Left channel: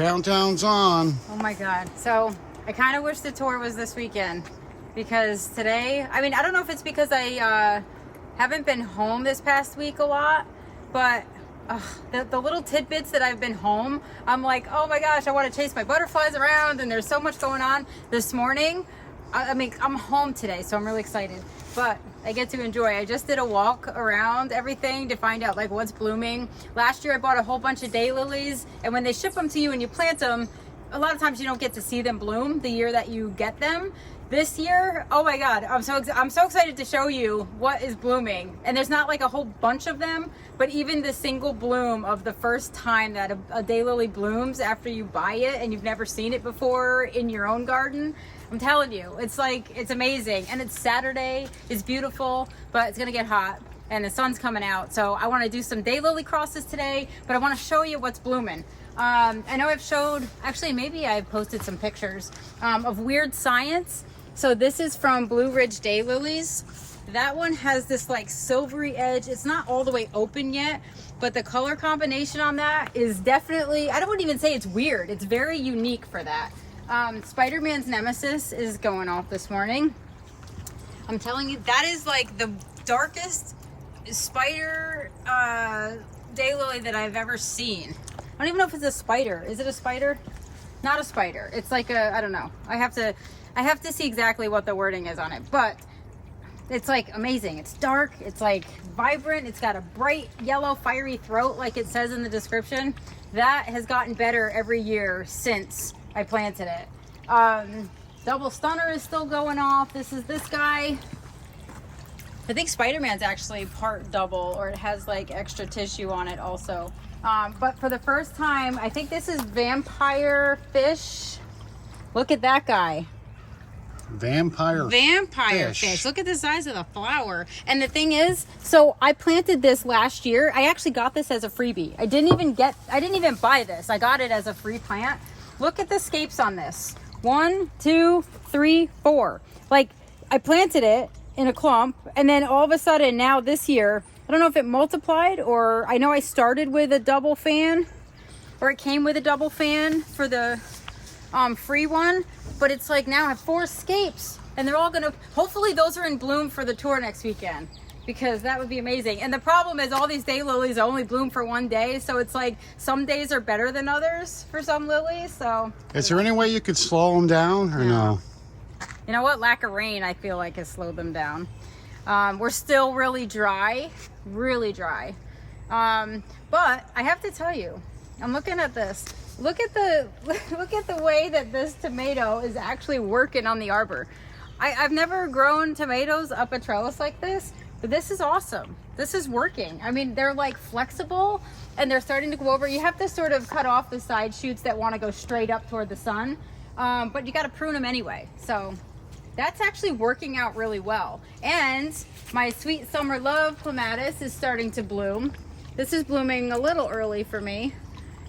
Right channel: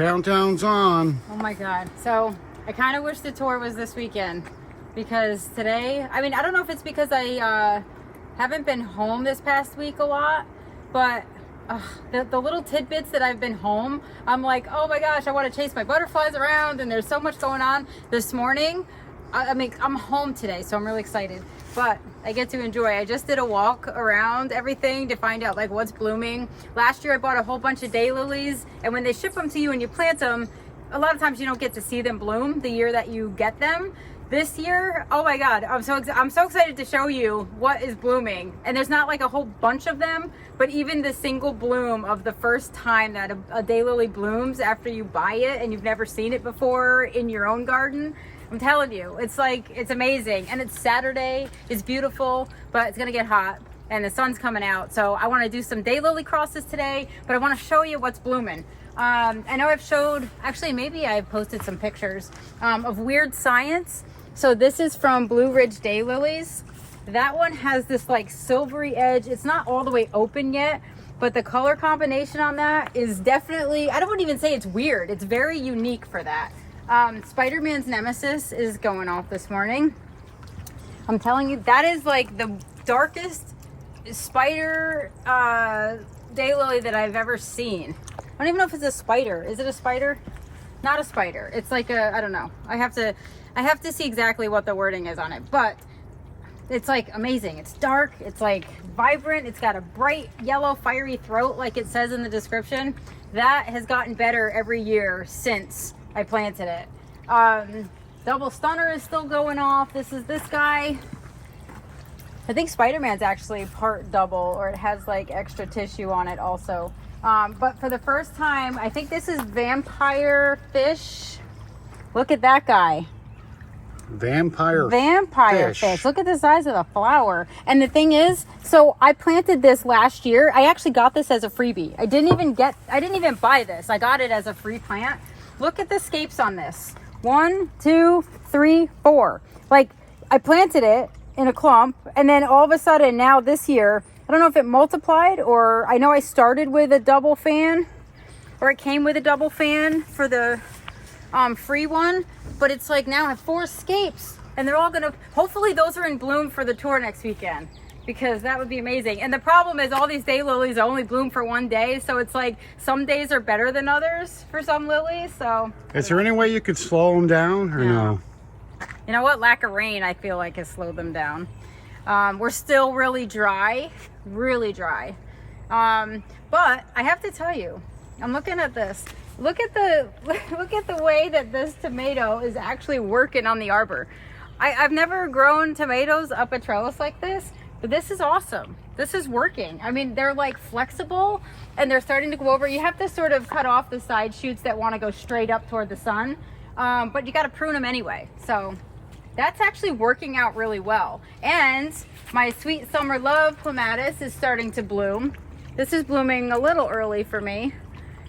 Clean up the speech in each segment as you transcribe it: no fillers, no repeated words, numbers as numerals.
countdown's on. Oh my God. So I kind of wish the tour was this weekend because today, I mean, I don't know if it's because I haven't been home this past week a lot, but the little tidbits that I've been home, I'm like, oh my gosh, I want to chase my butterflies around and there's so much going on. This morning, I mean, I'm home today, so I'm really excited, but I get to enjoy. I just did a walk around everything to find out like what's blooming. Last year I bought a whole bunch of daylilies, and when they ship them to you and you plant them, a lot of times you don't get to see them bloom the year that you get them. This year, oh my God, I'm so excited to show you what is blooming. And there's not like a whole bunch of them, but even the single bloom of the first time that a daylily blooms after you buy it and you've never seen it before in your own garden, I'm telling you, it's like, it's amazing. And it's Saturday, it's beautiful, but it's gonna get hot and the sun's coming out. So I wanna do some daylily crosses today, but I wanna show you what's blooming. I know I've showed, actually maybe I've posted some pictures of Weird Science. So this is from Blue Ridge Daylilies. That one has this like silvery edge. It's not all the way open yet, but the color combination on that is definitely, I don't even say it's weird. It's very unique for that. Spider-Man's Nemesis is going off this morning. I'm telling you, that is like the darkest spider daylily that I've ever seen. I don't even know if it's a spider. Is it a spider? Not a spider. It's like a, I don't know. I have to see exactly what the wording is on it, but it's like amazing. It's dark, it's like vibrant, it's got a bright yellow fiery throat like it says in the description. That has gotten better every year since I planted it. Double Stunner is still going off. This is this guy. I think Spider-Man's actually part double, or it has like extra tissue on it also. But for the first time, I think this is Vampire Fish. Look at that guy. Vampire fish. Look at the size of the flower. And the thing is, so I planted this last year. I actually got this as a freebie. I didn't even buy this. I got it as a free plant. Look at the scapes on this. 1, 2, 3, 4. Like, I planted it in a clump, and then all of a sudden now this year, I don't know if it multiplied, or I know I started with a double fan, or it came with a double fan for the free one, but it's like now I have 4 scapes, and they're all gonna, hopefully those are in bloom for the tour next weekend, because that would be amazing. And the problem is all these daylilies only bloom for one day, so it's like some days are better than others for some lilies. So is there any way you could slow them down, or no? You know what, lack of rain I feel like has slowed them down. We're still really dry, but I have to tell you, I'm looking at this. Look at the way that this tomato is actually working on the arbor. I've never grown tomatoes up a trellis like this, but this is awesome. This is working. I mean, they're like flexible and they're starting to go over. You have to sort of cut off the side shoots that want to go straight up toward the sun, but you got to prune them anyway. So that's actually working out really well. And my Sweet Summer Love clematis is starting to bloom. This is blooming a little early for me.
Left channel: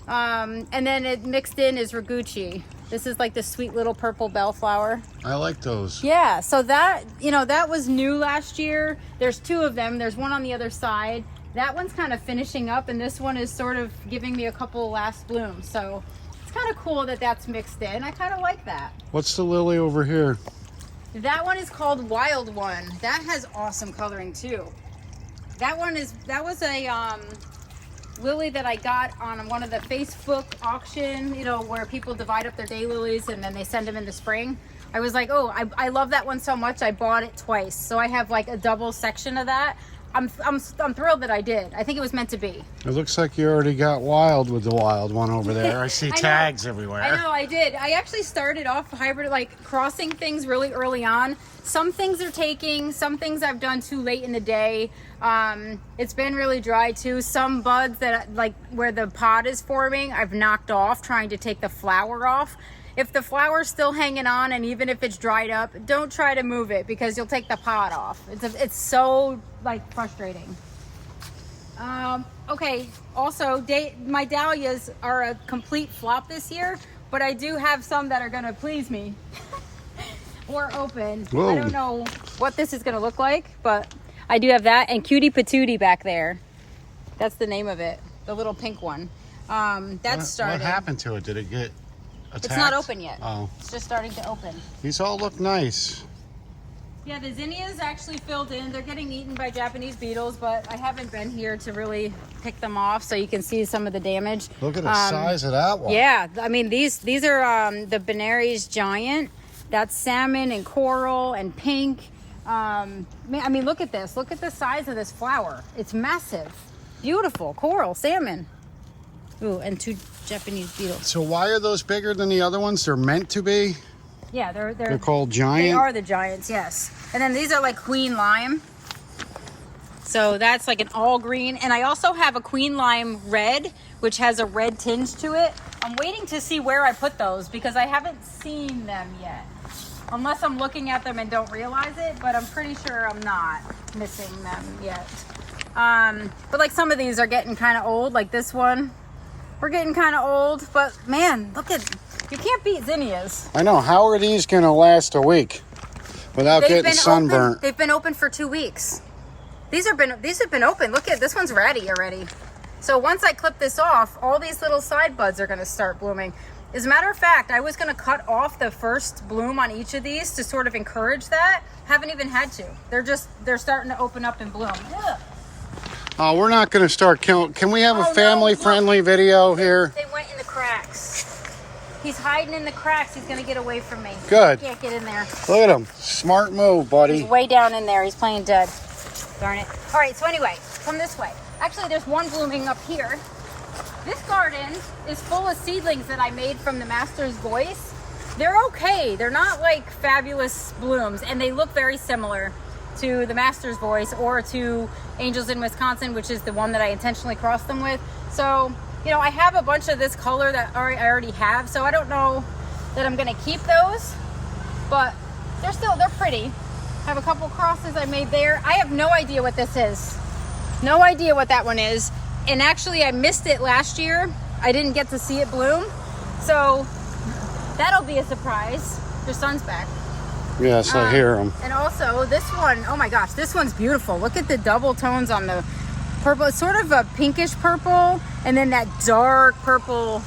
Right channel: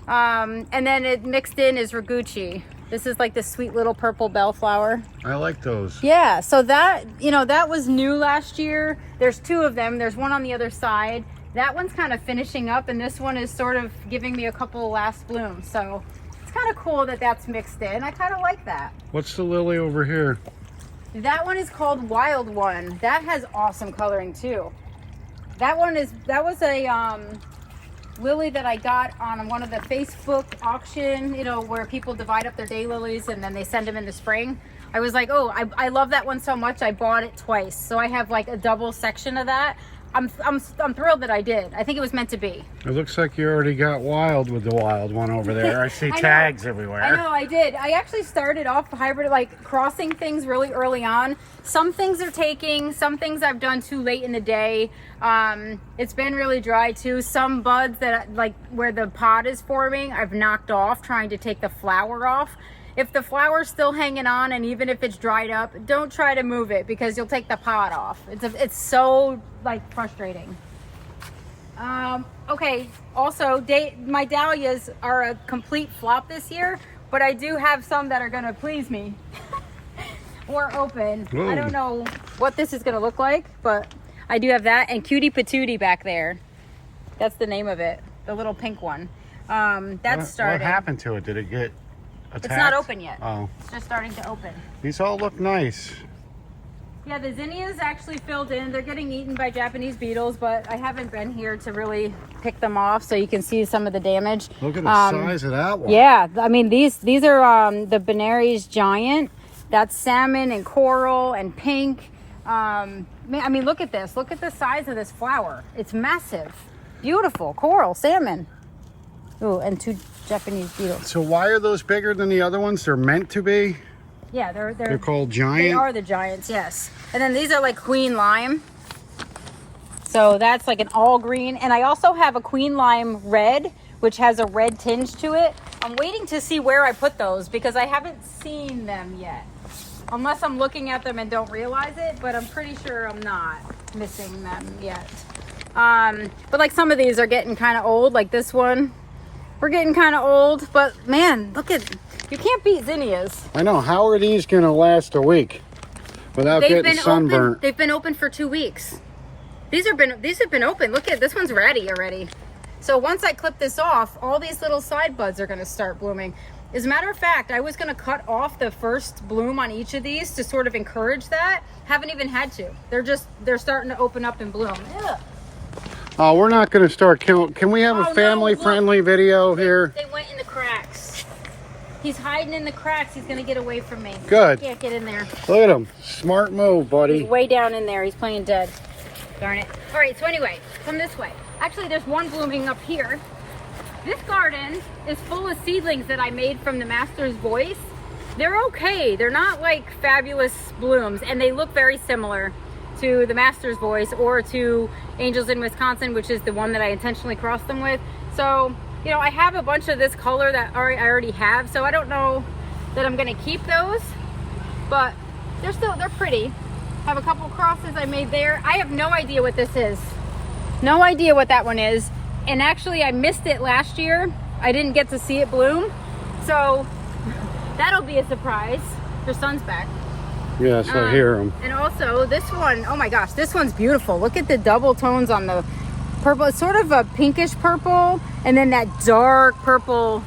And then it mixed in is Raguchi. This is like the sweet little purple bellflower. I like those. Yeah, so that, you know, that was new last year. There's 2 of them. There's one on the other side. That one's kind of finishing up, and this one is sort of giving me a couple of last blooms. So it's kind of cool that that's mixed in. I kind of like that. What's the lily over here? That one is called Wild One. That has awesome coloring too. That was a lily that I got on one of the Facebook auction, you know, where people divide up their daylilies and then they send them in the spring. I was like, oh, I love that one so much I bought it twice. So I have like a double section of that. I'm thrilled that I did. I think it was meant to be. It looks like you already got wild with the wild one over there. I see tags everywhere. I know, I did. I actually started off hybrid, like crossing things really early on. Some things are taking, some things I've done too late in the day. It's been really dry too. Some buds that like where the pod is forming, I've knocked off trying to take the flower off. If the flower's still hanging on, and even if it's dried up, don't try to move it because you'll take the pod off. It's so like frustrating. Okay, also my dahlias are a complete flop this year, but I do have some that are gonna please me. Or open. Whoa. I don't know what this is gonna look like, but I do have that, and Cutie Patootie back there. That's the name of it, the little pink one. That's starting. What happened to it? Did it get attacked? It's not open yet. Oh. It's just starting to open. These all look nice. Yeah, the zinnias actually filled in. They're getting eaten by Japanese beetles, but I haven't been here to really pick them off, so you can see some of the damage. Look at the size of that one. Yeah, I mean these are the BENARY'S giant. That's salmon and coral and pink. I mean, look at this. Look at the size of this flower. It's massive. Beautiful coral, salmon. Ooh, and 2 Japanese beetles. So why are those bigger than the other ones? They're meant to be? Yeah, They're called giant? They are the giants, yes. And then these are like queen lime. So that's like an all green. And I also have a queen lime red, which has a red tinge to it. I'm waiting to see where I put those because I haven't seen them yet. Unless I'm looking at them and don't realize it, but I'm pretty sure I'm not missing them yet. But like some of these are getting kind of old, like this one. We're getting kind of old, but man, look at, you can't beat zinnias. I know. How are these going to last a week without getting sunburnt? They've been open for 2 weeks. These have been open. Look at this one's ready already. So once I clip this off, all these little side buds are going to start blooming. As a matter of fact, I was going to cut off the first bloom on each of these to sort of encourage that. Haven't even had to. They're starting to open up and bloom. Ugh. Oh, we're not going to start killing. Can we have a family-friendly video here? They went in the cracks. He's hiding in the cracks. He's going to get away from me. Good. Can't get in there. Look at him. Smart move, buddy. He's way down in there. He's playing dead. Darn it. All right, so anyway, come this way. Actually, there's one blooming up here. This garden is full of seedlings that I made from the Master's Voice. They're okay. They're not like fabulous blooms, and they look very similar to the Master's Voice or to Angels in Wisconsin, which is the one that I intentionally crossed them with. So, you know, I have a bunch of this color that I already have, so I don't know that I'm gonna keep those, but they're pretty. Have a couple crosses I made there. I have no idea what this is. No idea what that one is. And actually I missed it last year. I didn't get to see it bloom. So that'll be a surprise. Their sun's back. Yes, I hear them. And also this one, oh my gosh, this one's beautiful. Look at the double tones on the purple. It's sort of a pinkish purple and then that dark purple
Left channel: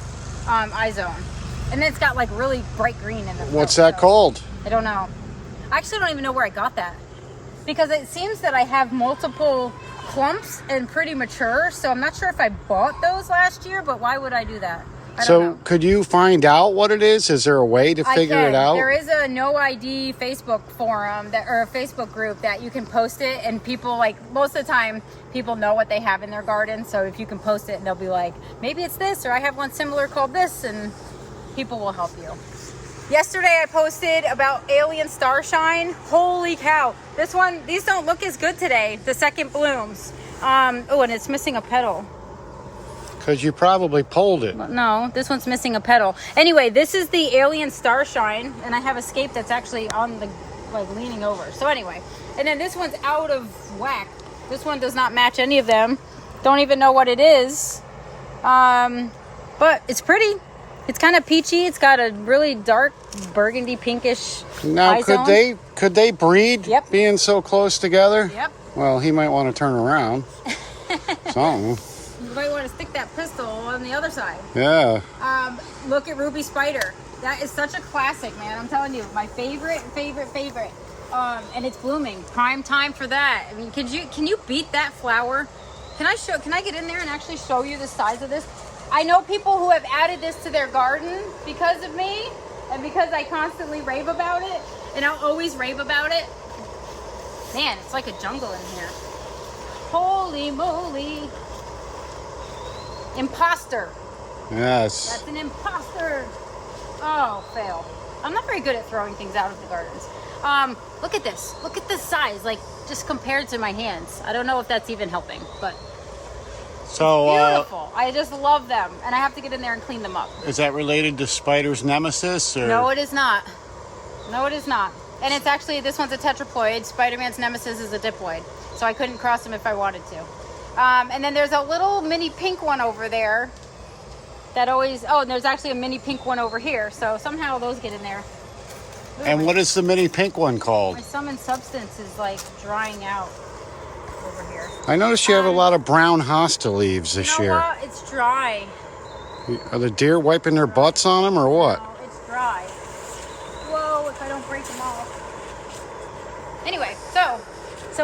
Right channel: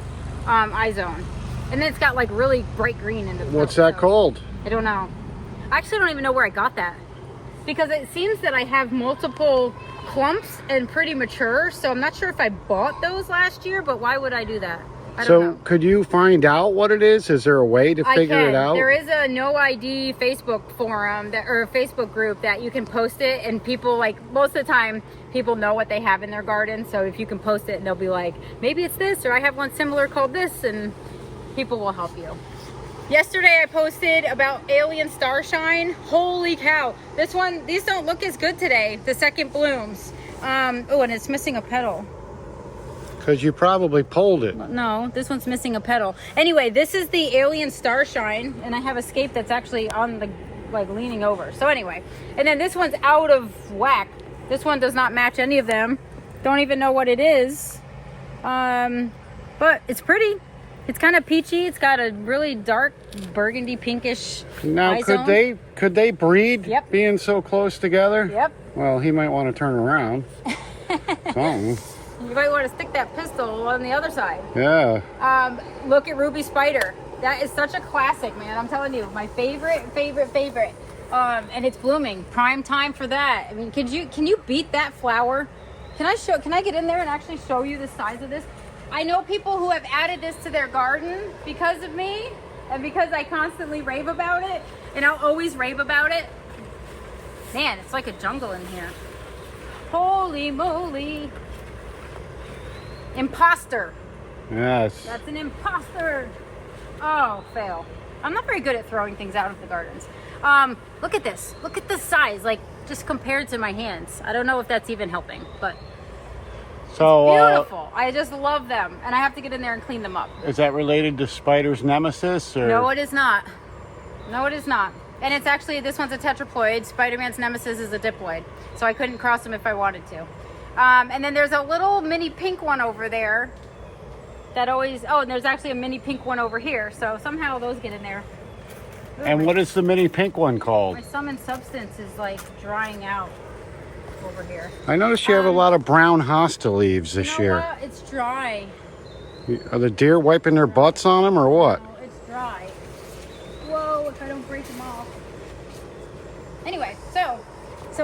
eye zone. And then it's got like really bright green in the middle. What's that called? I don't know. I actually don't even know where I got that. Because it seems that I have multiple clumps and pretty mature. So I'm not sure if I bought those last year, but why would I do that? I don't know. Could you find out what it is? Is there a way to figure it out? There is a no ID Facebook forum or a Facebook group that you can post it, and people, like, most of the time people know what they have in their garden. So if you can post it and they'll be like, maybe it's this, or I have one similar called this, and people will help you. Yesterday I posted about alien starshine. Holy cow. These don't look as good today, the second blooms. Oh, and it's missing a petal. Because you probably pulled it. No, this one's missing a petal. Anyway, this is the alien starshine, and I have a scape that's actually on the, like, leaning over. So anyway, and then this one's out of whack. This one does not match any of them. Don't even know what it is. But it's pretty. It's kind of peachy. It's got a really dark burgundy pinkish Now, could they breed? Yep. Being so close together? Yep. Well, he might want to turn around. Something. You might want to stick that pistol on the other side. Yeah. Look at Ruby Spider. That is such a classic, man. I'm telling you, my favorite. And it's blooming. Prime time for that. I mean, can you beat that flower? Can I get in there and actually show you the size of this? I know people who have added this to their garden because of me and because I constantly rave about it, and I'll always rave about it. Man, it's like a jungle in here. Holy moly. Imposter. Yes. That's an imposter. Oh, fail. I'm not very good at throwing things out of the gardens. Look at this. Look at this size, like just compared to my hands. I don't know if that's even helping, but so beautiful. I just love them, and I have to get in there and clean them up. Is that related to Spider's nemesis? Or? No, it is not. No, it is not. And it's actually, this one's a tetraploid. Spider-Man's nemesis is a diploid, so I couldn't cross them if I wanted to. And then there's a little mini pink one over there that always, and there's actually a mini pink one over here, so somehow those get in there. Ooh. And what is the mini pink one called? My summon substance is like drying out over here. I noticed you have a lot of brown hosta leaves this year. It's dry. Are the deer wiping their butts on them or what? No, it's dry. Whoa, if I don't break them off. Anyway, so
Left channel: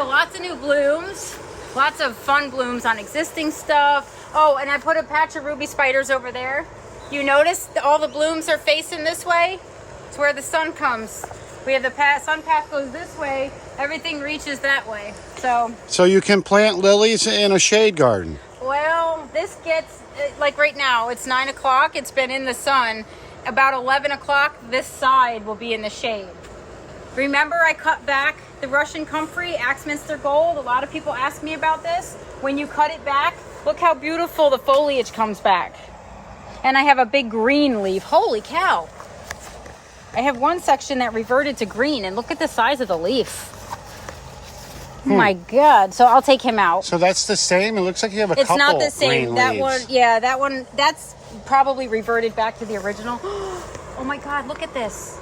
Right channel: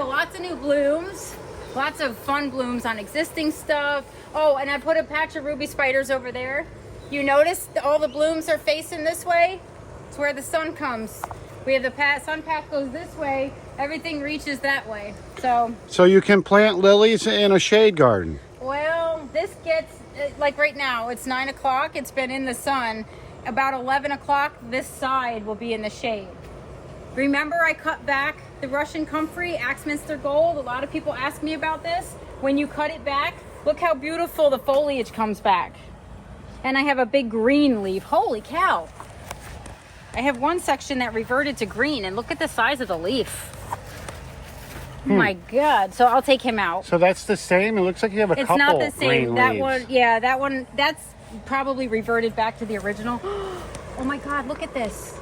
lots of new blooms. Lots of fun blooms on existing stuff. Oh, and I put a patch of ruby spiders over there. You notice all the blooms are facing this way? It's where the sun comes. We have the sun path goes this way. Everything reaches that way. So you can plant lilies in a shade garden. Well, this gets, like right now, it's 9 o'clock. It's been in the sun. About 11 o'clock, this side will be in the shade. Remember I cut back the Russian comfrey, Axminster Gold? A lot of people ask me about this. When you cut it back, look how beautiful the foliage comes back. And I have a big green leaf. Holy cow. I have one section that reverted to green, and look at the size of the leaf. Oh my God. So I'll take him out. So that's the same? It looks like you have a couple It's not the same. green That leaves. one, yeah, that one, that's probably reverted back to the original. Oh my God, look at this.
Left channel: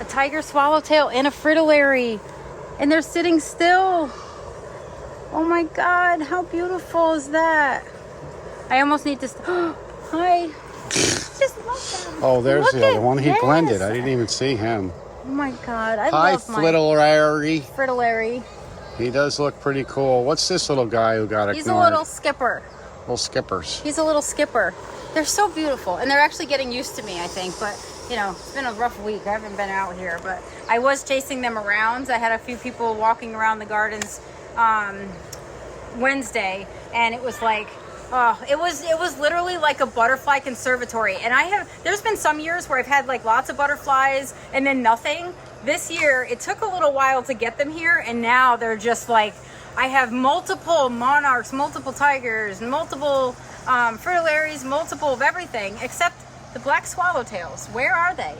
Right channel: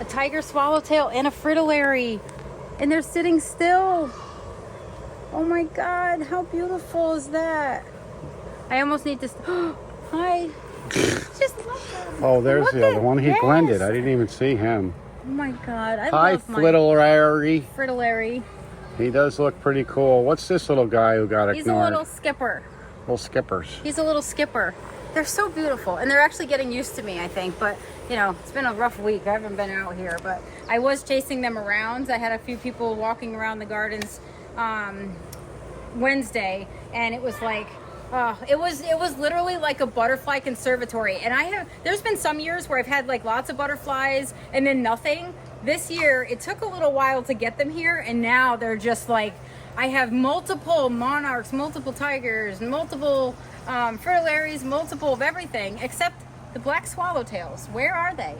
A tiger swallowtail and a fritillary. And they're sitting still. Oh my God, how beautiful is that? I almost need to, hi. Just love them. Oh, there's Look the other at one. He this. blended. I didn't even see him. Oh my God, I Hi, love my Fritillary. fritillary. He does look pretty cool. What's this little guy who got He's a ignored? little skipper. Little skippers. He's a little skipper. They're so beautiful, and they're actually getting used to me, I think. But you know, it's been a rough week. I haven't been out here, but I was chasing them around. I had a few people walking around the gardens Wednesday, and it was like, oh, it was literally like a butterfly conservatory. And there's been some years where I've had like lots of butterflies and then nothing. This year, it took a little while to get them here, and now they're just like, I have multiple monarchs, multiple tigers, multiple fritillaries, multiple of everything, except the black swallowtails. Where are they?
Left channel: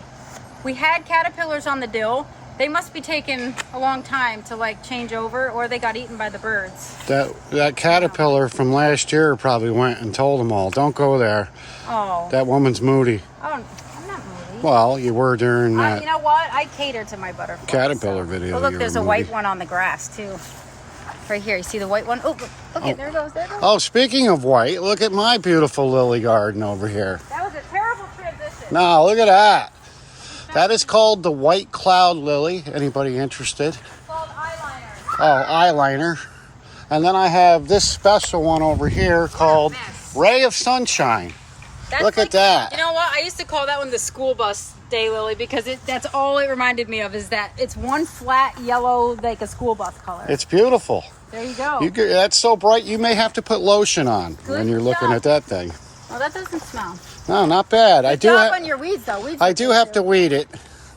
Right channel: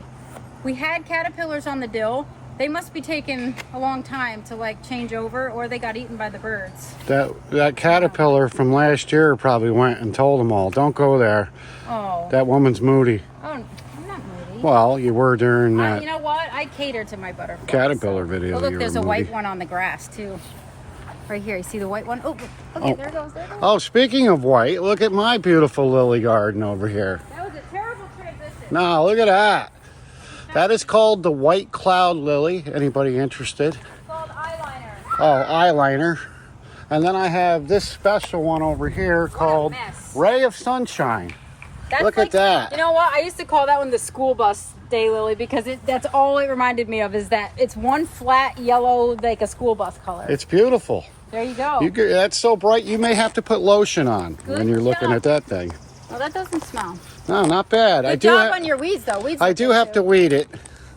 We had caterpillars on the dill. They must be taking a long time to like change over, or they got eaten by the birds. That caterpillar from last year probably went and told them all, don't go there. Oh. That woman's moody. Oh, I'm not moody. Well, you were during that. You know what? I cater to my butterflies. Caterpillar video. Oh, look, you there's were a white moody. one on the grass too. Right here. You see the white one? Oh, look, Oh. there it goes. There it goes. Oh, speaking of white, look at my beautiful lily garden over here. That was a terrible transition. No, look at that. That is called the white cloud lily. Anybody interested? It's called eyeliner. Oh, eyeliner. And then I have this special one over here called mess. Ray of Sunshine. That's Look like, at that. You know what? I used to call that one the school bus daylily because that's all it reminded me of, is that it's one flat yellow, like a school bus color. It's beautiful. There you go. That's so bright, you may have to put lotion on when you're looking job. at that thing. Oh, that doesn't smell. No, not bad. Good job on your weeds, though. Weeds I do have to weed it.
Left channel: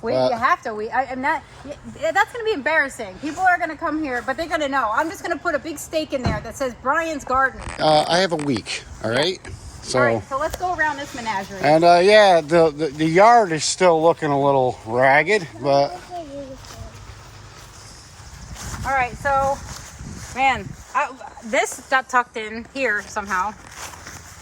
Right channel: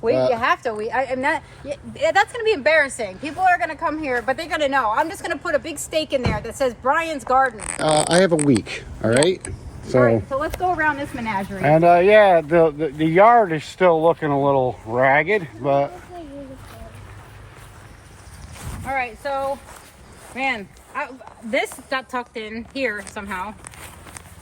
You have to weed. I'm not. Yeah, that's going to be embarrassing. People are going to come here, but they're going to know. I'm just going to put a big stake in there that says Brian's Garden. I have a week, all right? So, All right, so let's go around this menagerie. and yeah, the yard is still looking a little ragged, but All right, so, man, this got tucked in here somehow.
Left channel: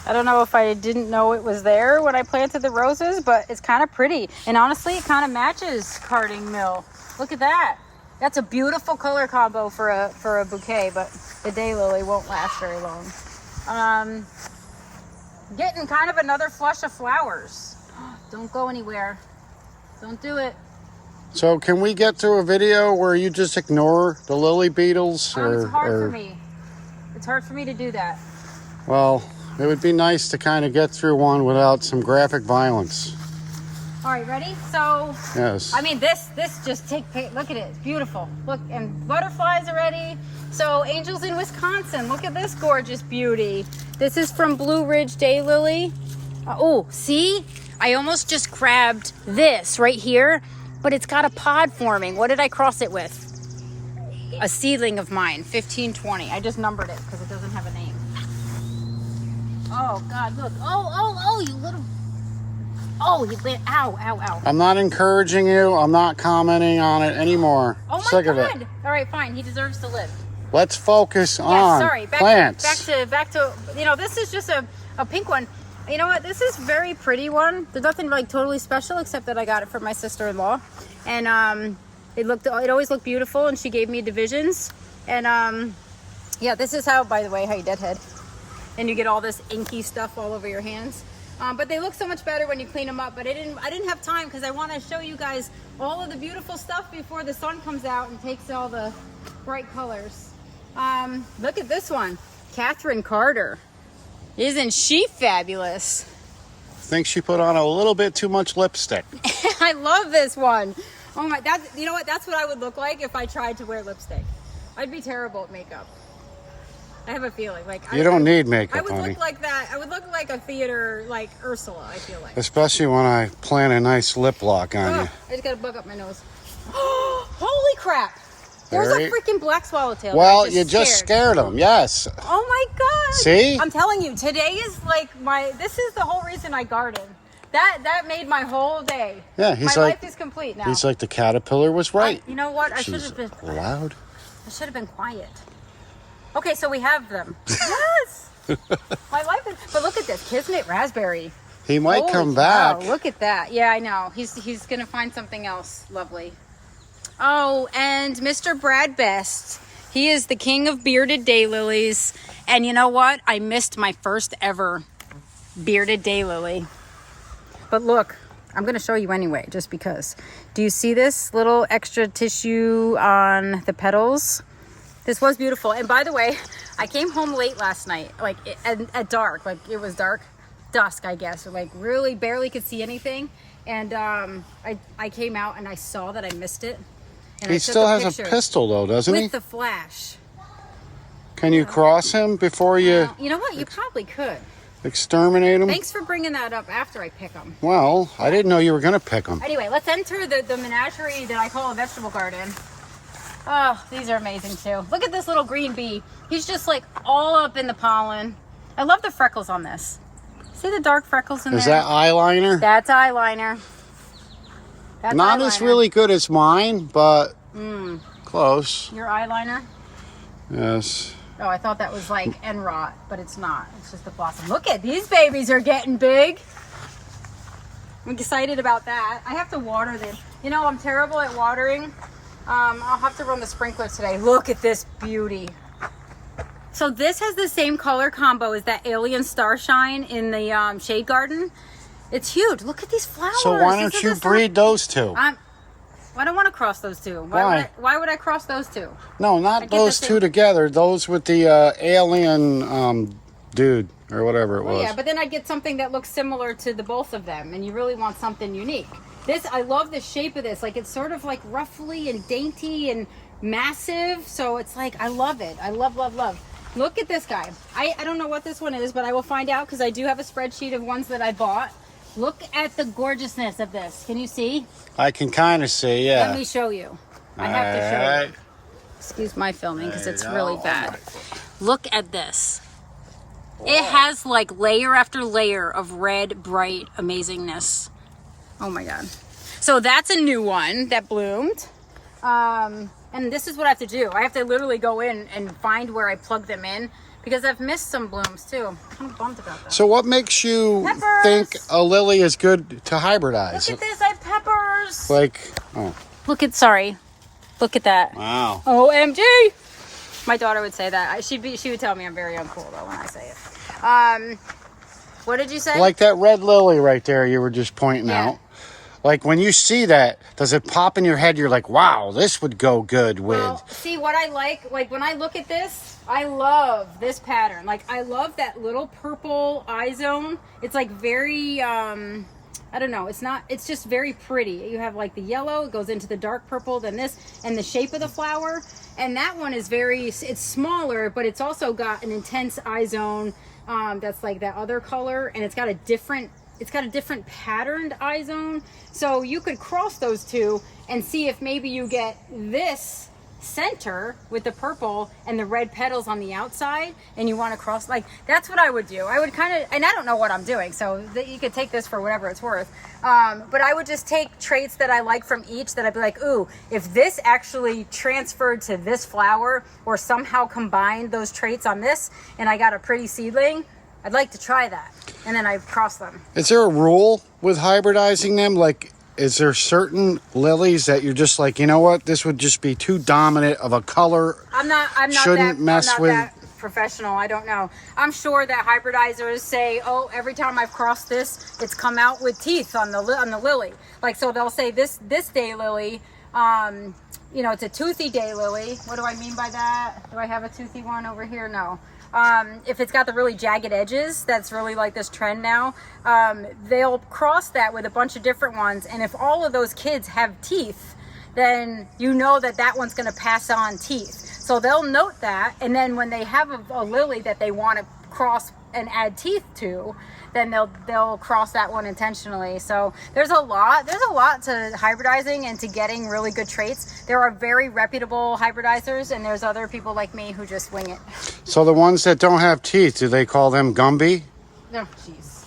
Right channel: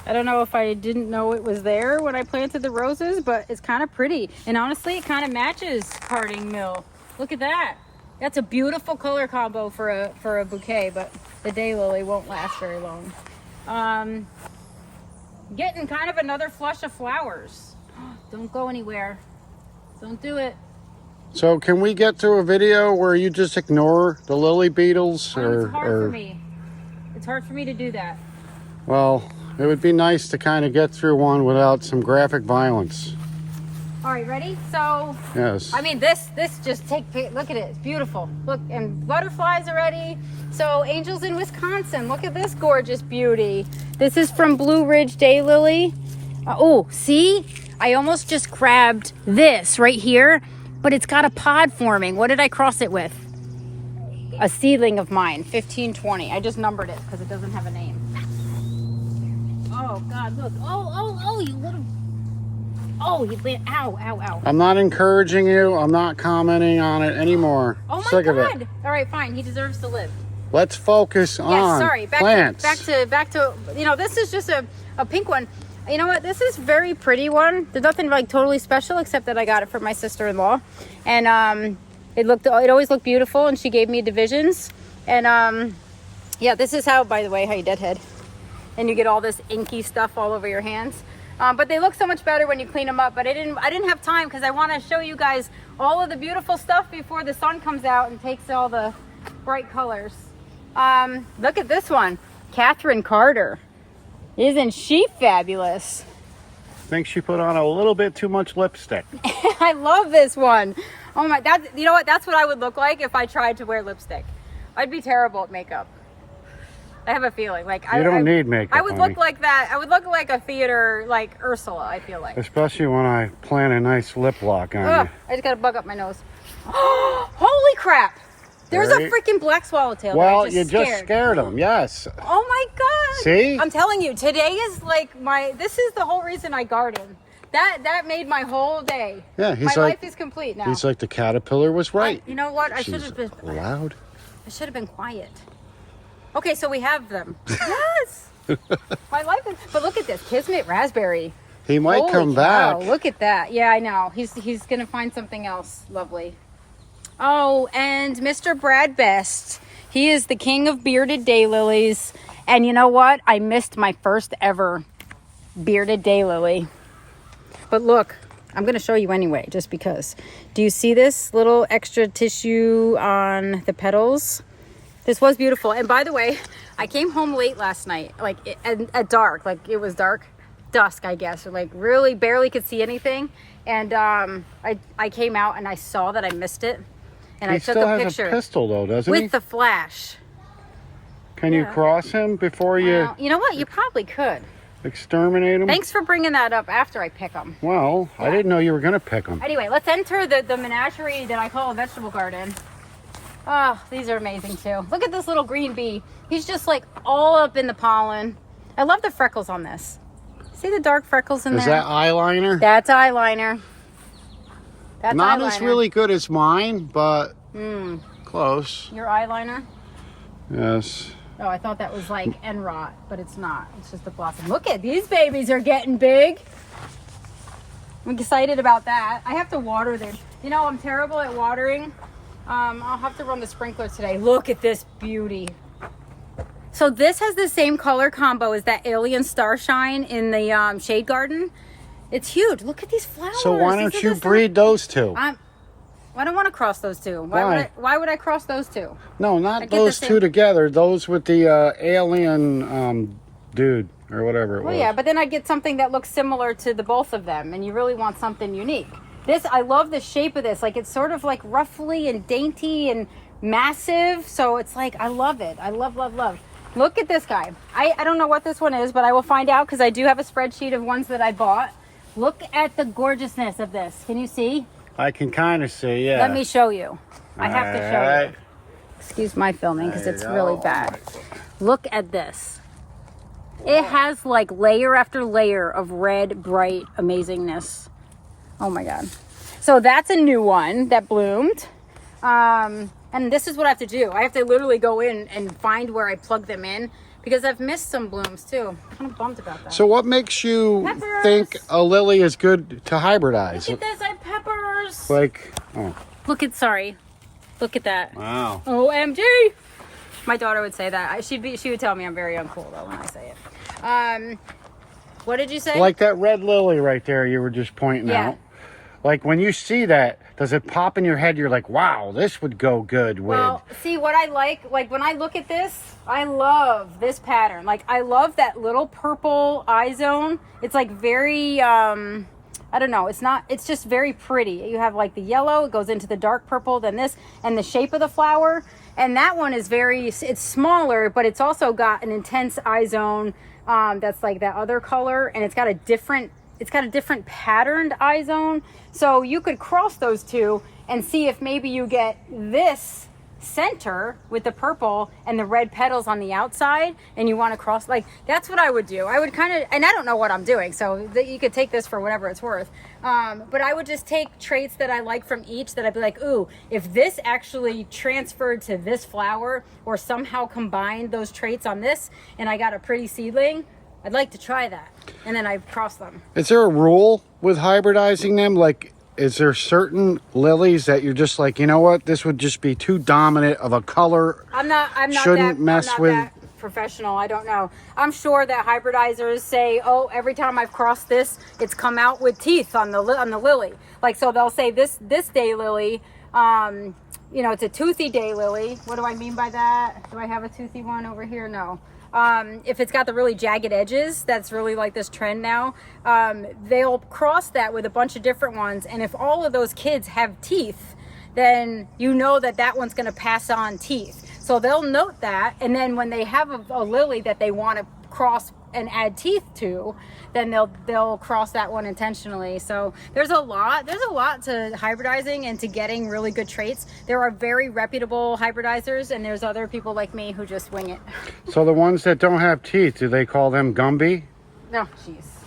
I don't know if I didn't know it was there when I planted the roses, but it's kind of pretty. And honestly, it kind of matches Carding Mill. Look at that. That's a beautiful color combo for a bouquet, but the daylily won't last very long. Getting kind of another flush of flowers. Don't go anywhere. Don't do it. so can we get to a video where you just ignore the lily beetles? It's hard for me. It's hard for me to do that. Well, it would be nice to kind of get through one without some graphic violence. All right, ready? So, Yes. I mean, this just look at it. It's beautiful. Look, and butterflies already. So, angels in Wisconsin. Look at this gorgeous beauty. This is from Blue Ridge Daylily. Oh, see? I almost just grabbed this right here, but it's got a pod forming. What did I cross it with? A seedling of mine, 1520. I just numbered it because it doesn't have a name. Oh, God, look. Oh, you little... Oh, he went, ow. I'm not encouraging you. I'm not commenting on it anymore. Oh my Sick God. of it. All right, fine. He deserves to live. Let's focus on plants. Back to, you know, this is just a pink one. You know what? This is a very pretty one. There's nothing like totally special except that I got it from my sister-in-law. And it always looked beautiful, and she gave me divisions. And yeah, this is how, by the way, how you deadhead. And you get all this inky stuff all over your hands. But they look so much better when you clean them up. But I didn't have time because I want to show you guys all of the beautiful stuff before the sun comes out and takes all the bright colors. Look at this one, Catherine Carter. Isn't she fabulous? I think she put on a little bit too much lipstick. I love this one. Oh my, you know what? That's what I would look like if I tried to wear lipstick. I'd be terrible at makeup. I have a feeling like you don't need makeup. I would look like that. I would look like a theater, like Ursula. I feel like, especially when I plant a nice lip lock on you. I just got to bug up my nose. Holy crap! There was a freaking black swallowtail. Well, you just scared him. Yes. Oh my god! See? I'm telling you, today is like this is the whole reason I garden. That made my whole day. Yeah, my life is complete now. He's like, the caterpillar was right. You know what? I should have been loud. I should have been quiet. Okay, so we have them. Yes. My life is. But look at this, Kismet raspberry. He might come back. Look at that. Yeah, I know. He's gonna find something else lovely. Oh, and Mr. Brad Best. He is the king of bearded daylilies. And you know what? I missed my first ever bearded daylily. But look, I'm going to show you anyway, just because. Do you see this little extra tissue on the petals? This was beautiful. And by the way, I came home late last night, like at dark, like it was dusk, I guess, or like really barely could see anything. And I came out and I saw that I missed it. And he still has a pistol though, doesn't he? With the flash. Can you cross him before you... you know what? You probably could. Exterminate him? Thanks for bringing that up after I pick them. Well, I didn't know you were going to pick them. Anyway, let's enter the menagerie that I call a vegetable garden. Oh, these are amazing too. Look at this little green bee. He's just like all up in the pollen. I love the freckles on this. See the dark freckles in there? Is that eyeliner? That's eyeliner. That's not as really good as mine, but close. Your eyeliner? Yes. Oh, I thought that was like Enrot, but it's not. It's just the blossom. Look at these babies are getting big. I'm excited about that. I have to water them. You know, I'm terrible at watering. I'll have to run the sprinkler today. Look at this beauty. So this has the same color combo as that Alien Starshine in the shade garden. It's huge. Look at these flowers. So why don't you breed those two? I don't want to cross those two. Why? Why would I cross those two? No, not those two together. Those with the alien dude or whatever it was. Yeah, but then I'd get something that looks similar to the both of them, and you really want something unique. This, I love the shape of this. Like, it's sort of like ruffly and dainty and massive. So it's like, I love it. I love, love, love. Look at this guy. I don't know what this one is, but I will find out because I do have a spreadsheet of ones that I bought. Look at the gorgeousness of this. Can you see? I can kind of see, yeah. Let me show you. I have to show you. Excuse my filming because it's really bad. Look at this. Wow. It has like layer after layer of red, bright amazingness. Oh my God. So that's a new one that bloomed. And this is what I have to do. I have to literally go in and find where I plug them in because I've missed some blooms too. I'm kind of bummed about that. So what makes you think a lily is good to hybridize? Look at this, I have peppers. Like, oh. Look at that. Wow. OMG. My daughter would say that. She would tell me I'm very uncool though when I say it. What did you say? Like that red lily right there you were just pointing out. Like when you see that, does it pop in your head? You're like, wow, this would go good with. Well, see what I like when I look at this, I love this pattern. Like I love that little purple eye zone. It's like very, I don't know. It's just very pretty. You have like the yellow, it goes into the dark purple, then this, and the shape of the flower. And that one is it's smaller, but it's also got an intense eye zone. That's like that other color, and it's got a different patterned eye zone. So you could cross those two and see if maybe you get this center with the purple and the red petals on the outside, and you want to cross. Like that's what I would do. I would kind of, and I don't know what I'm doing, so you could take this for whatever it's worth. But I would just take traits that I like from each that I'd be like, ooh, if this actually transferred to this flower or somehow combined those traits on this and I got a pretty seedling, I'd like to try that. And then I cross them. Is there a rule with hybridizing them? Like, is there certain lilies that you're just like, you know what, this would just be too dominant of a color? I'm not shouldn't mess with. professional. I don't know. I'm sure that hybridizers say, oh, every time I've crossed this, it's come out with teeth on the lily. Like, so they'll say this daylily, you know, it's a toothy daylily. What do I mean by that? Do I have a toothy one over here? No. If it's got the really jagged edges, that's really like this trend now. They'll cross that with a bunch of different ones. And if all of those kids have teeth, then you know that that one's going to pass on teeth. So they'll note that. And then when they have a lily that they want to cross and add teeth to, then they'll cross that one intentionally. So there's a lot to hybridizing and to getting really good traits. There are very reputable hybridizers, and there's other people like me who just wing it. So the ones that don't have teeth, do they call them Gumby? No, jeez.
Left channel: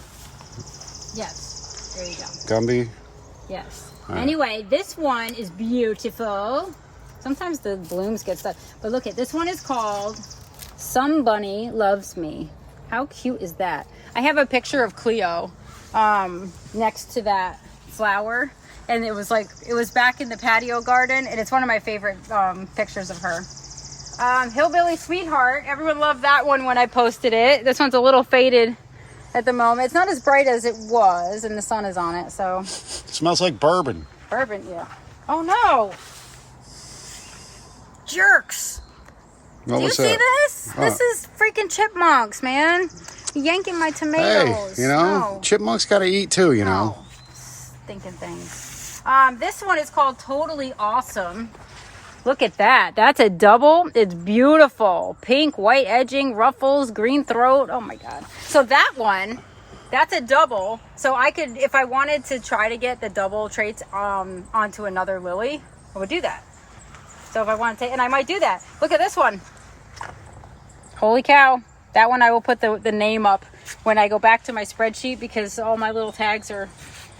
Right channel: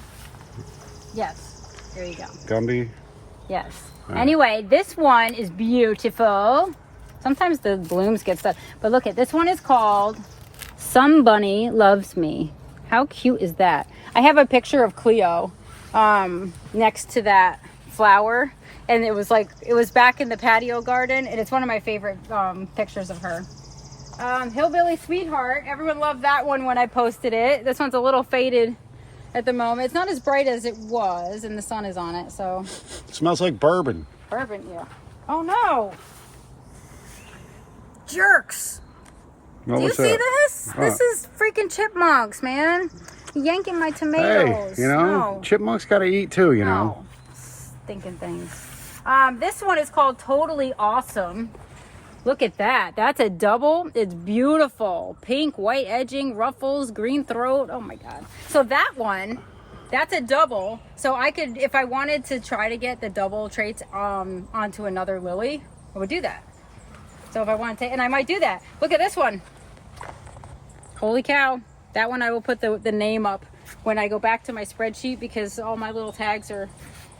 Yes, there you go. Gumby? Yes. Right. Anyway, this one is beautiful. Sometimes the blooms get stuck, but look at this one is called Some Bunny Loves Me. How cute is that? I have a picture of Cleo next to that flower, and it was back in the patio garden, and it's one of my favorite pictures of her. Hillbilly Sweetheart, everyone loved that one when I posted it. This one's a little faded at the moment. It's not as bright as it was, and the sun is on it, so. It smells like bourbon. Bourbon, yeah. Oh no! Jerks! What Do you was see that? this? This is freaking chipmunks, man. Yanking my tomatoes. Hey, you know, No. chipmunks got to eat too, you know. No. Stinking things. This one is called Totally Awesome. Look at that. That's a double. It's beautiful. Pink, white edging, ruffles, green throat. Oh my God. So that one, that's a double. So I could, if I wanted to try to get the double traits onto another lily, I would do that. So if I want to take, and I might do that. Look at this one. Holy cow. That one I will put the name up when I go back to my spreadsheet because all my little tags are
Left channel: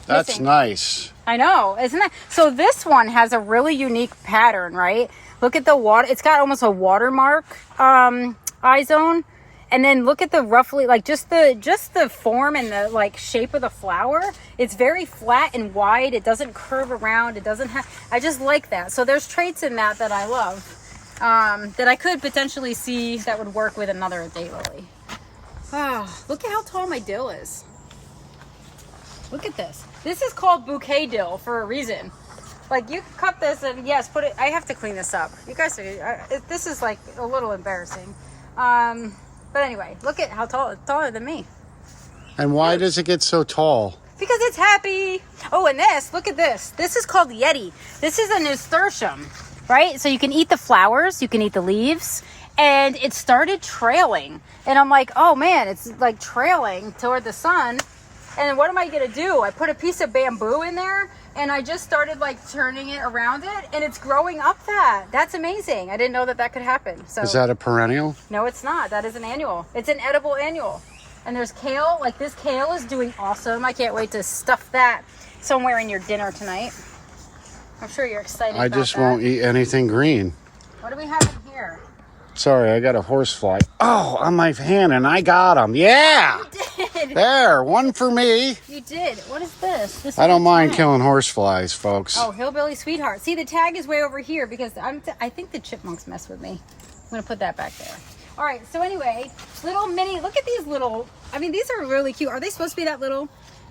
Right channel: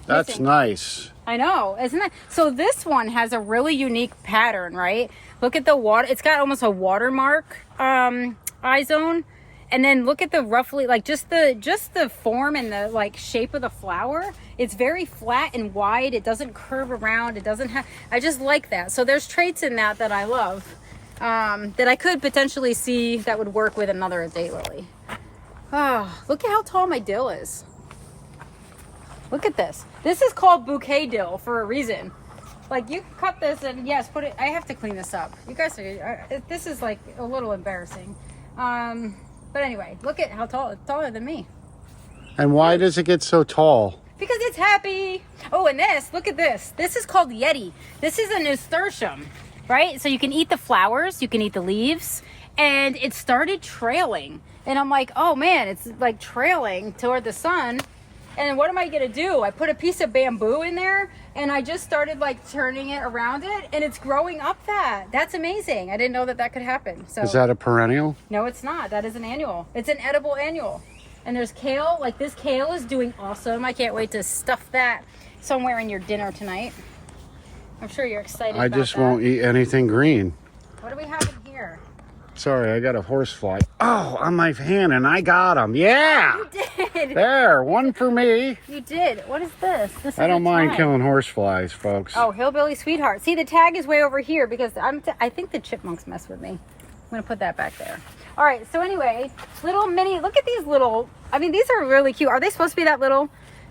That's missing. nice. I know, isn't that? So this one has a really unique pattern, right? Look at the water. It's got almost a watermark eye zone. And then look at the roughly, like just the form and the like shape of the flower. It's very flat and wide. It doesn't curve around. It doesn't have, I just like that. So there's traits in that I love. That I could potentially see that would work with another daylily. Oh, look at how tall my dill is. Look at this. This is called bouquet dill for a reason. Like you cut this and yes, put it. I have to clean this up. You guys are. This is like a little embarrassing. But anyway, look at how tall. It's taller than me. And why does it get so tall? Because it's happy. Oh, and this. Look at this. This is called Yeti. This is a nasturtium. Right? So you can eat the flowers, you can eat the leaves, and it started trailing. And I'm like, oh man, it's like trailing toward the sun. And what am I gonna do? I put a piece of bamboo in there and I just started like turning it around it and it's growing up that. That's amazing. I didn't know that could happen. So Is that a perennial? no, it's not. That is an annual. It's an edible annual. And there's kale. Like this kale is doing awesome. I can't wait to stuff that somewhere in your dinner tonight. I'm sure you're excited I about just that. won't eat anything green. What do we have in here? Sorry, I got a horsefly. Oh, on my hand, and I got him. Yeah! You did. There, one for me. You did. What is this? This I is don't a mind tag. killing horseflies, folks. Oh, Hillbilly Sweetheart. See, the tag is way over here because I think the chipmunks mess with me. I'm going to put that back there. All right, so anyway, little mini, look at these little, I mean, these are really cute. Are they supposed to be that little?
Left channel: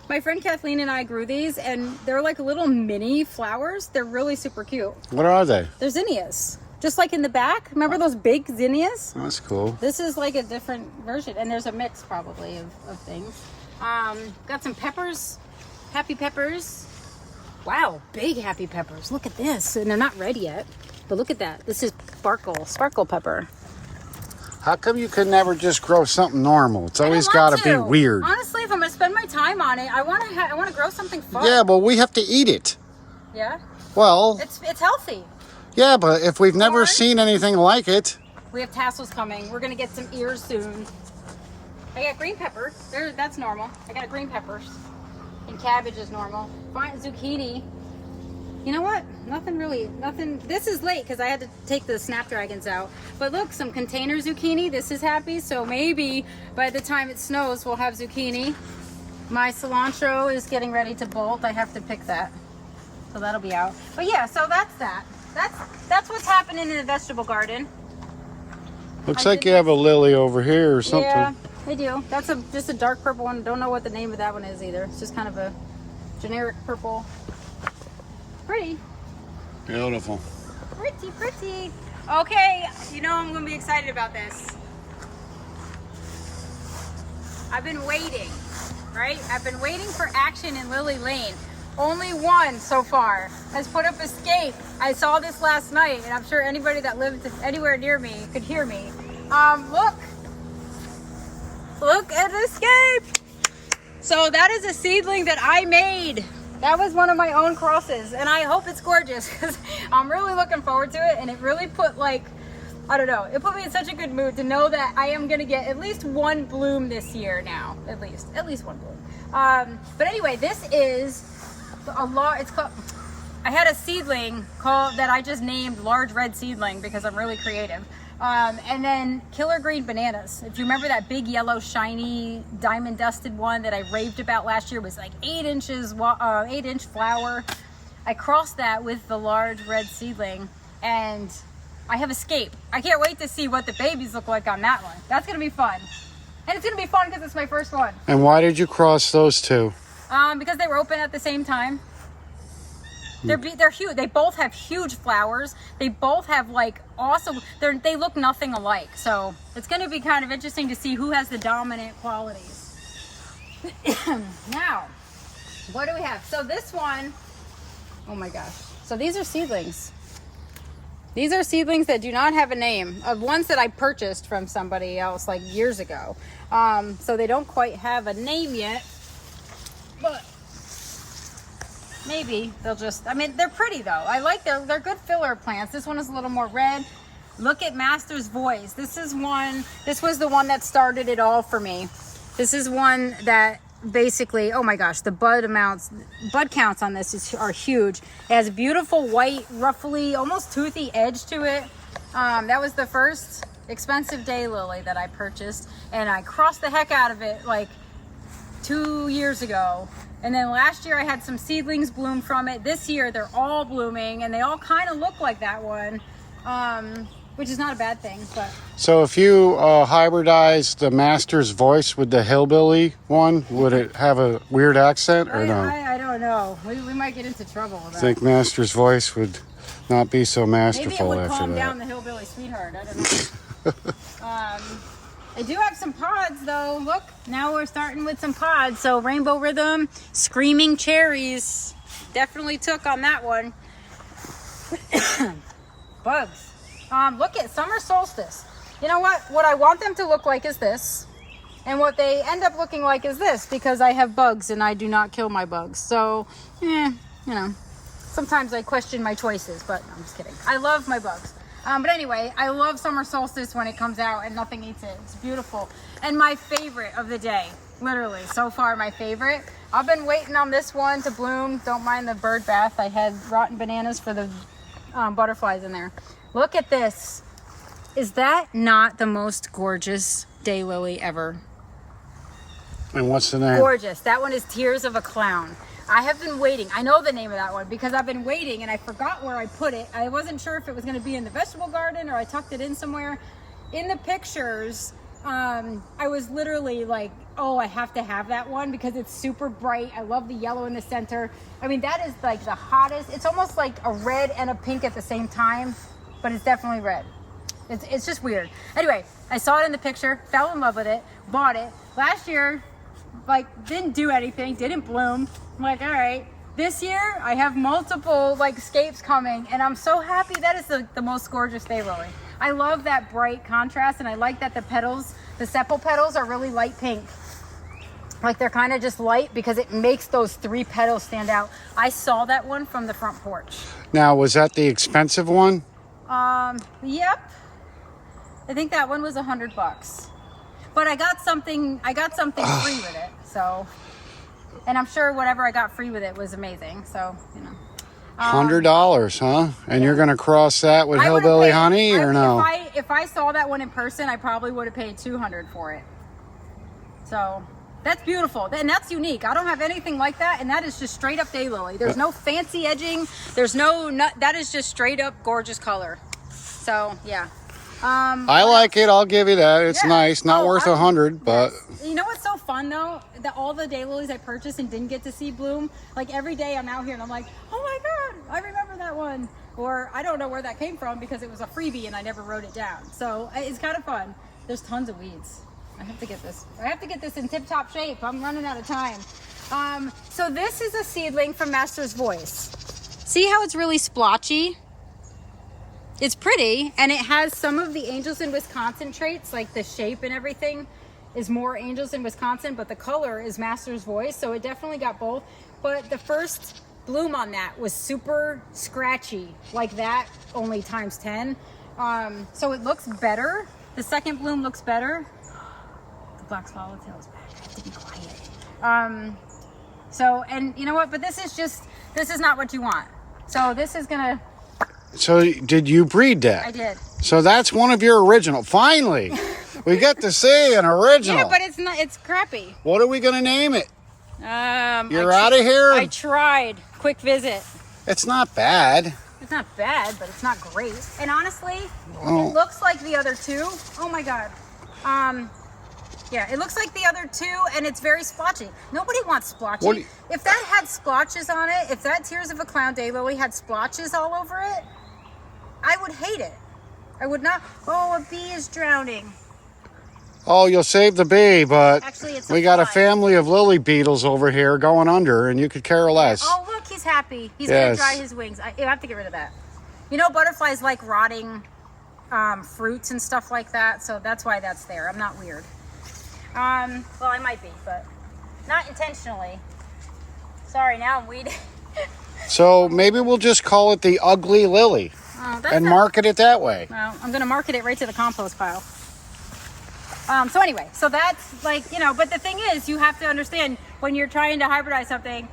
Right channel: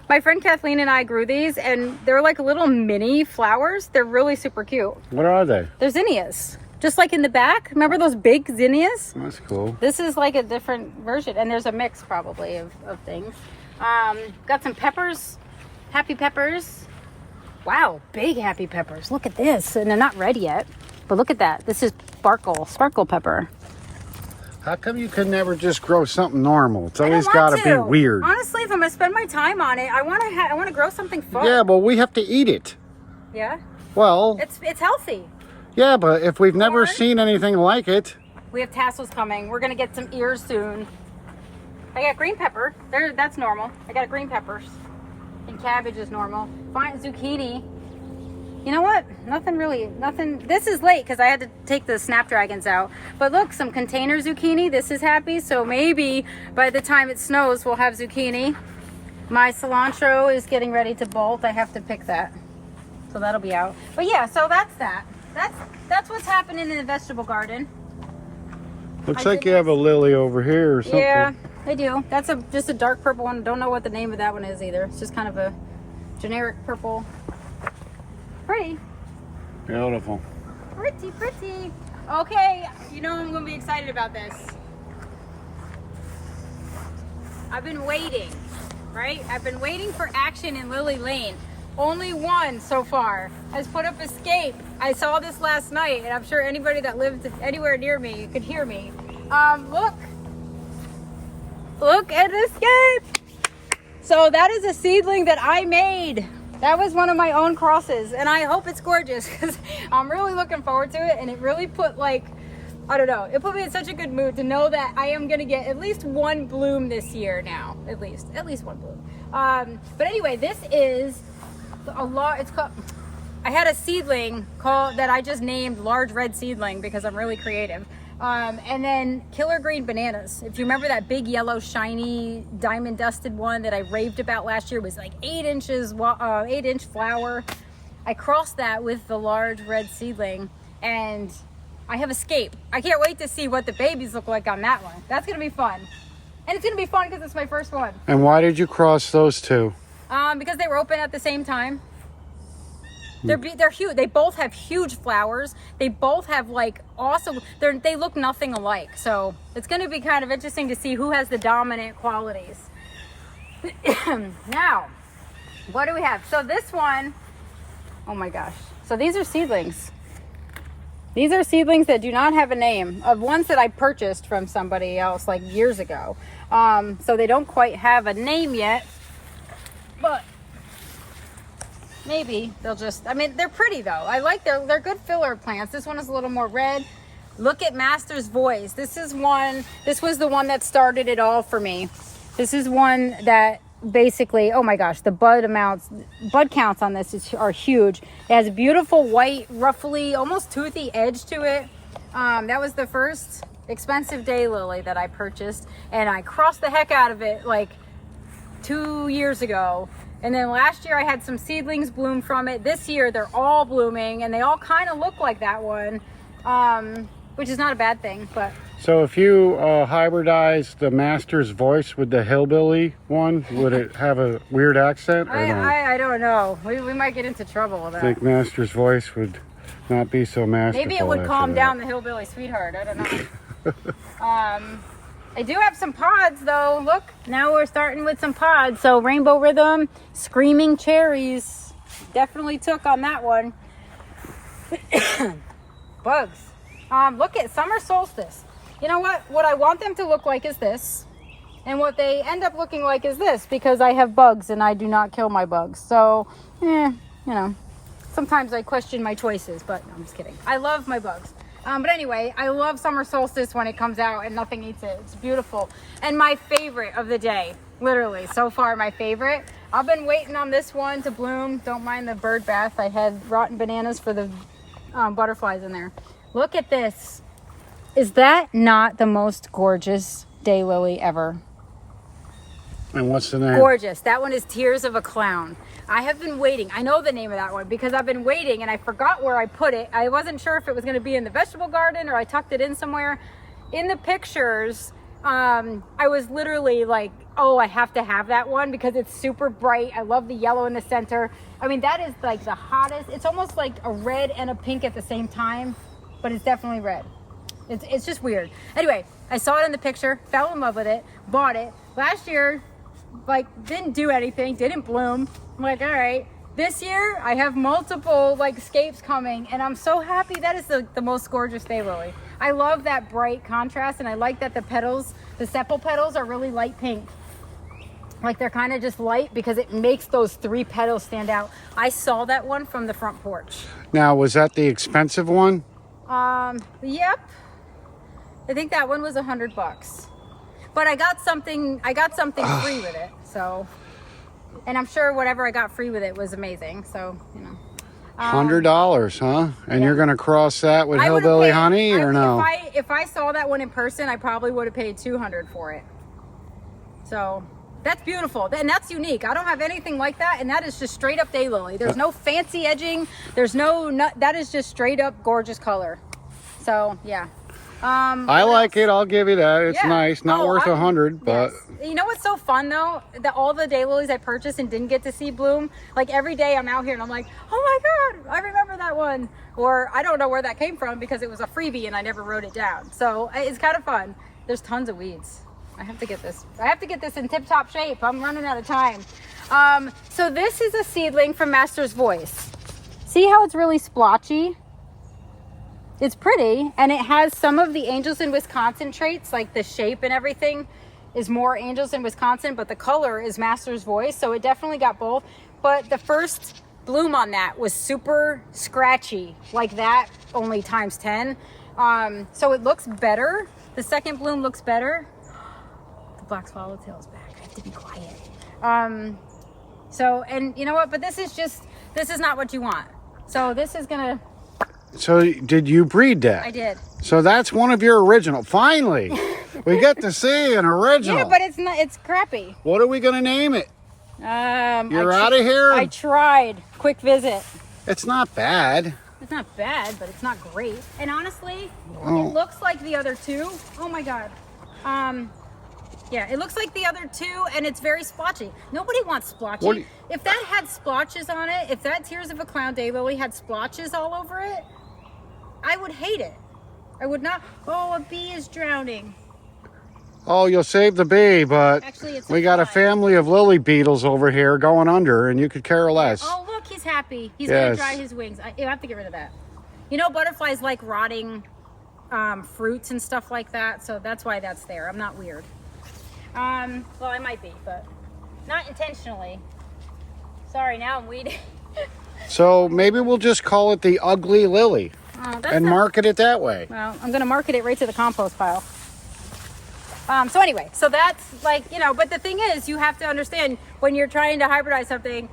My friend Kathleen and I grew these, and they're like little mini flowers. They're really super cute. What are they? They're zinnias. Just like in the back. Remember those big zinnias? That's cool. This is like a different version, and there's a mix probably of things. Got some peppers, happy peppers. Wow, big happy peppers. Look at this, and they're not red yet, but look at that. This is sparkle pepper. How come you could never just grow something normal? It's I don't always want got to be to. weird. Honestly, if I'm gonna spend my time on it, I want to grow something fun. Yeah, but we have to eat it. Yeah. Well, It's healthy. yeah, but if we've never Corn. seen anything like it. We have tassels coming. We're gonna get some ears soon. I got green pepper. That's normal. I got green peppers. And cabbage is normal. Fine, zucchini. You know what? Nothing. This is late because I had to take the snapdragons out. But look, some container zucchini. This is happy. So maybe by the time it snows, we'll have zucchini. My cilantro is getting ready to bolt. I have to pick that. So that'll be out. But yeah, so that's that. That's what's happening in the vegetable garden. Looks like you have a lily over here or something. Yeah, I do. That's just a dark purple one. Don't know what the name of that one is either. It's just kind of a generic purple. Pretty. Beautiful. Pretty, pretty. Okay, you know I'm gonna be excited about this. I've been waiting, right? I've been waiting for action in Lily Lane. Only one so far has put up Escape. I saw this last night, and I'm sure anybody that lived anywhere near me could hear me. Look at Escape. So that is a seedling that I made. That was one of my own crosses, and I hope it's gorgeous because I'm really looking forward to it. And it really put, like, I don't know, it put me in such a good mood to know that I am gonna get at least one bloom this year now, at least one bloom. But anyway, this is a lot. It's called, I had a seedling called that I just named Large Red Seedling because I'm really creative. And then Killer Green Bananas. If you remember that big yellow shiny diamond dusted one that I raved about last year, was like 8 inches, 8-inch flower. I crossed that with the Large Red Seedling, and I have Escape. I can't wait to see what the babies look like on that one. That's gonna be fun. And it's gonna be fun because it's my first one. And why did you cross those two? Because they were open at the same time. They're huge. They both have huge flowers. They both have like awesome. They look nothing alike. So it's going to be kind of interesting to see who has the dominant qualities. Now, what do we have? So this one, oh my gosh. So these are seedlings. These are seedlings that do not have a name, of ones that I purchased from somebody else like years ago. So they don't quite have a name yet, but maybe they'll just, I mean, they're pretty though. I like they're good filler plants. This one is a little more red. Look at Master's Voice. This was the one that started it all for me. This is one that basically, oh my gosh, the bud counts on this are huge. It has a beautiful white, ruffly, almost toothy edge to it. That was the first expensive daylily that I purchased, and I crossed the heck out of it like 2 years ago. And then last year I had some seedlings bloom from it. This year they're all blooming, and they all kind of look like that one, which is not a bad thing. But so if you hybridize the Master's Voice with the Hillbilly one, would it have a weird accent or no? I don't know. We might get into trouble with that. I think Master's Voice would not be so masterful. Maybe it would after calm that. down the Hillbilly Sweetheart. I don't know. I do have some pods though. Look, now we're starting with some pods. So Rainbow Rhythm, Screaming Cherries. Definitely took on that one. Bugs. Look at Summer Solstice. You know what? What I want them to look like is this. And what they end up looking like is this, because I have bugs and I do not kill my bugs. So, you know, sometimes I question my choices, but no, I'm just kidding. I love my bugs. But anyway, I love Summer Solstice when it comes out and nothing eats it. It's beautiful. And my favorite of the day, literally, so far my favorite. I've been waiting on this one to bloom. Don't mind the bird bath. I had rotten bananas for the butterflies in there. Look at this. Is that not the most gorgeous daylily ever? And what's the name? Gorgeous. That one is Tears of a Clown. I have been waiting. I know the name of that one because I've been waiting and I forgot where I put it. I wasn't sure if it was going to be in the vegetable garden or I tucked it in somewhere. In the pictures, I was literally like, oh, I have to have that one because it's super bright. I love the yellow in the center. I mean, that is like the hottest. It's almost like a red and a pink at the same time, but it's definitely red. It's just weird. Anyway, I saw it in the picture, fell in love with it, bought it. Last year, like, didn't do anything, didn't bloom. I'm like, all right. This year, I have multiple, like, scapes coming, and I'm so happy. That is the most gorgeous daylily. I love that bright contrast, and I like that the petals, the sepal petals are really light pink. Like, they're kind of just light because it makes those 3 petals stand out. I saw that one from the front porch. Now, was that the expensive one? Yep. I think that one was $100. But I got something free with it, so, and I'm sure whatever I got free with it was amazing, so, you know. $100, huh? And you're gonna cross that with Hillbilly Honey, or no? If I saw that one in person, I probably would have paid $200 for it. So that's beautiful, and that's unique. I don't have anything like that, and that is just straight up daylily. There's no fancy edging. There's no, that is just straight up gorgeous color. So yeah. I like it. I'll give you that. It's nice. Not worth 100, but you know what's so fun though? That all the daylilies I purchased and didn't get to see bloom. Like every day I'm out here and I'm like, oh my god, I remember that one. Or I don't know where that came from because it was a freebie and I never wrote it down. So it's kind of fun. There's tons of weeds. I have to get this. I have to get this in tip-top shape. I'm running out of time. So this is a seedling from Master's Voice. See how it's really splotchy? It's pretty, and it has some of the Angels in Wisconsin traits, like the shape and everything is more Angels in Wisconsin, but the color is Master's Voice, so it definitely got both. But the first bloom on that was super scratchy, like that, only times 10. So it looks better. The second bloom looks better. The black swallowtail is back. I have to be quiet. So, and you know what? But this is not what you want. So this is gonna. So did you breed that? I did. So that's one of your original. Finally, we get to see an original. Yeah, but it's not. It's crappy. What are we gonna name it? You're out of here. I tried. Quick visit. It's not bad. It's not bad, but it's not great. And honestly, it looks like the other two. Oh my god. Yeah, it looks like the other two, and it's very splotchy. Nobody wants splotchy. If that had splotches on it, if that Tears of a Clown daylily had splotches all over it, I would hate it. I would not. Oh, a bee is drowning. Oh, you'll save the bee, but actually, it's we got a family of lily beetles over here going under, and you could care less. Oh, look, he's happy. He's going to dry his wings. I have to get rid of that. You know, butterflies like rotting fruits and stuff like that, so that's why that's there. I'm not weird. Well, I might be, but not intentionally. Sorry, now I'm weeding. So maybe we'll just call it the ugly lily and market it that way. Well, I'm going to market it right to the compost pile. So anyway, so that's like, you know, but the thing is, you have to understand when you're trying to hybridize something,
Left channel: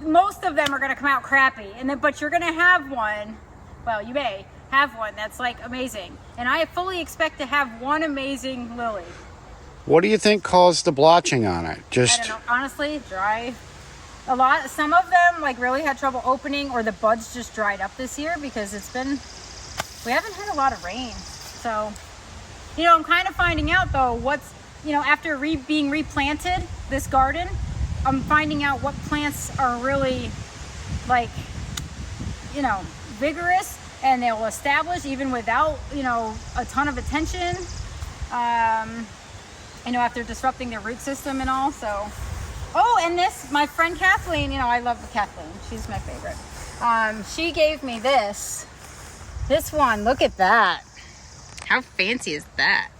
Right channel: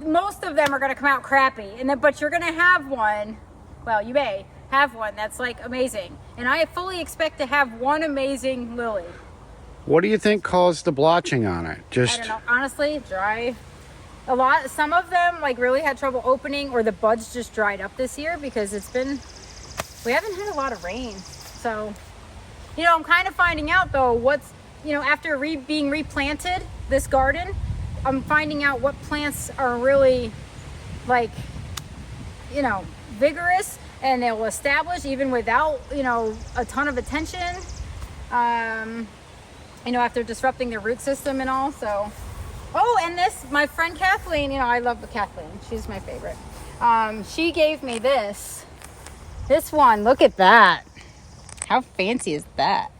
most of them are going to come out crappy, and then, but you're going to have one, well, you may have one that's like amazing. And I fully expect to have one amazing lily. What do you think caused the blotching on it? I don't know. Honestly, dry. A lot. Some of them like really had trouble opening, or the buds just dried up this year because we haven't had a lot of rain. So, you know, I'm kind of finding out though what's, you know, after being replanted this garden, I'm finding out what plants are really like, you know, vigorous and they'll establish even without, you know, a ton of attention. You know, after disrupting their root system and all. So, oh, and this, my friend Kathleen, you know, I love Kathleen. She's my favorite. She gave me this one. Look at that. How fancy is that?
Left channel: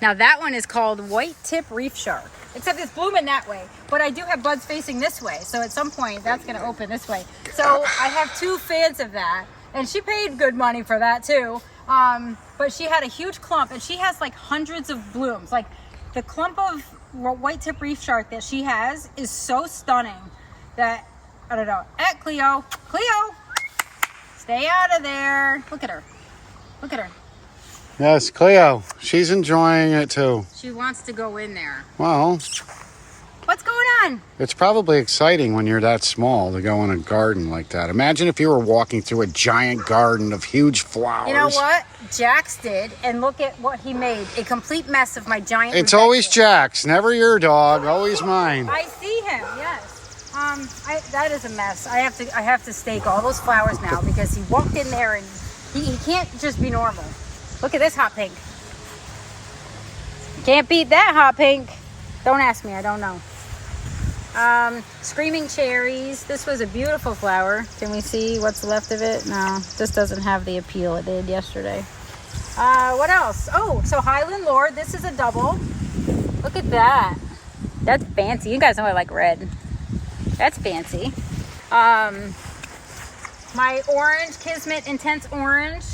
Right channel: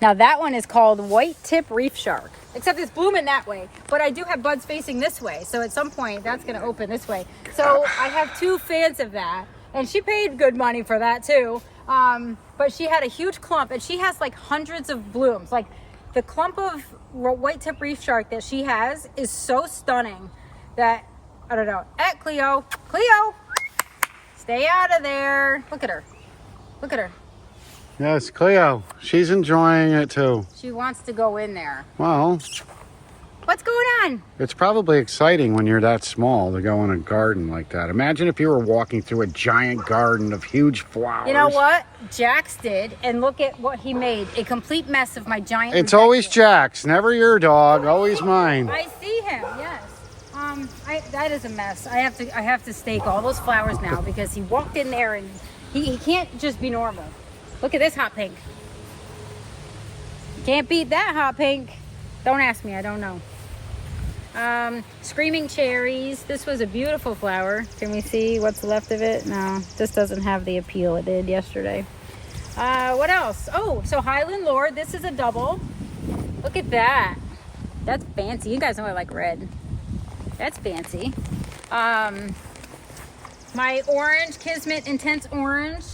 Now that one is called White Tip Reef Shark, except it's blooming that way, but I do have buds facing this way. So at some point that's going to open this way. So I have 2 fans of that, and she paid good money for that too. But she had a huge clump, and she has like hundreds of blooms. Like, the clump of white tip reef shark that she has is so stunning that, I don't know. Cleo, stay out of there. Look at her. Look at her. Yes, Cleo. She's enjoying it too. She wants to go in there. Well, what's going on? It's probably exciting when you're that small to go in a garden like that. Imagine if you were walking through a giant garden of huge flowers. You know what? Jax did, and look at what he made. A complete mess of my giant... It's always Jax, never your dog, always mine. I see him, yes. That is a mess. I have to stake all those flowers now because he walked in there and he can't just be normal. Look at this hot pink. Can't beat that hot pink. Don't ask me, I don't know. Screaming cherries. This was a beautiful flower. Can we see what's left of it? No, this doesn't have the appeal it did yesterday. What else? Oh, so Highland Lord. This is a double. Look at that. That's fancy. You guys know I like red. That's fancy. My orange, Kismet Intense Orange.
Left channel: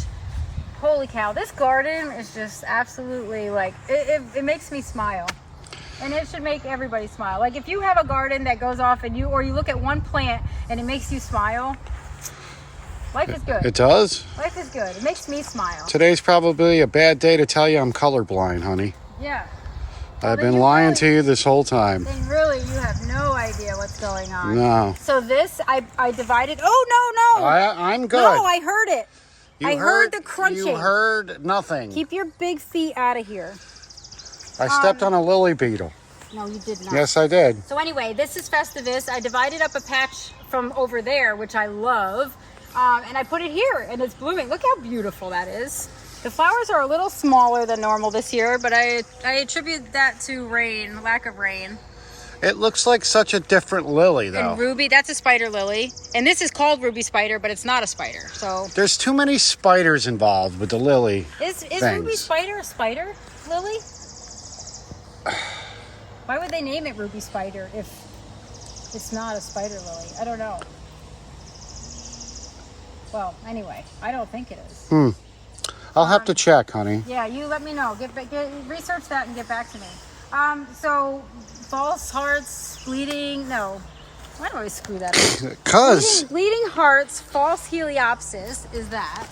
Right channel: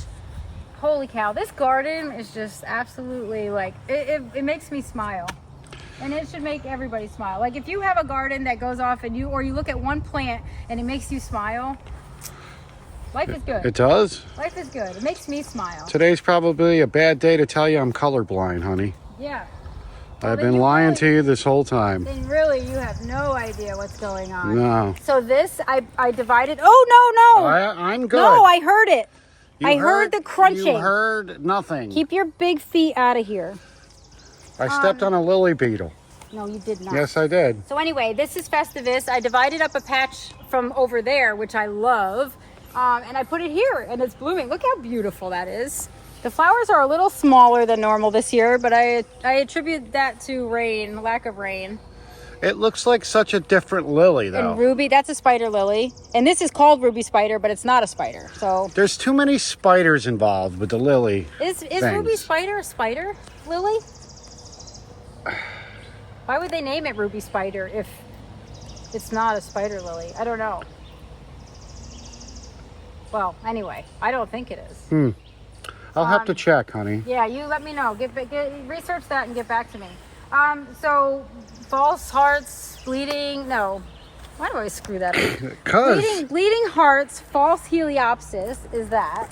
Holy cow. This garden is just absolutely like, it makes me smile. And it should make everybody smile. Like if you have a garden that goes off and you look at one plant and it makes you smile, life is good. It does? Life is good. It makes me smile. Today's probably a bad day to tell you I'm colorblind, honey. Yeah. I've been lying to you this whole time. And really, you have no idea what's going on. No. So this, I divided. Oh, no. I'm good. No, I heard it. I heard the crunching. You heard nothing. Keep your big feet out of here. I stepped on a lily beetle. No, you did not. Yes, I did. So anyway, this is Festivus. I divided up a patch from over there, which I love, and I put it here, and it's blooming. Look how beautiful that is. The flowers are a little smaller than normal this year, but I attribute that to rain, lack of rain. It looks like such a different lily, though. And ruby, that's a spider lily. And this is called ruby spider, but it's not a spider. So there's too many spiders involved with the lily. Is ruby spider a spider lily? Why would they name it ruby spider if it's not a spider lily? I don't know. Well, anyway, I don't think it is. I'll have to check, honey. Yeah, you let me know. Research that and get back to me. So false hearts, bleeding. No, why do I screw that up? Cause bleeding hearts, false heliopsis is that.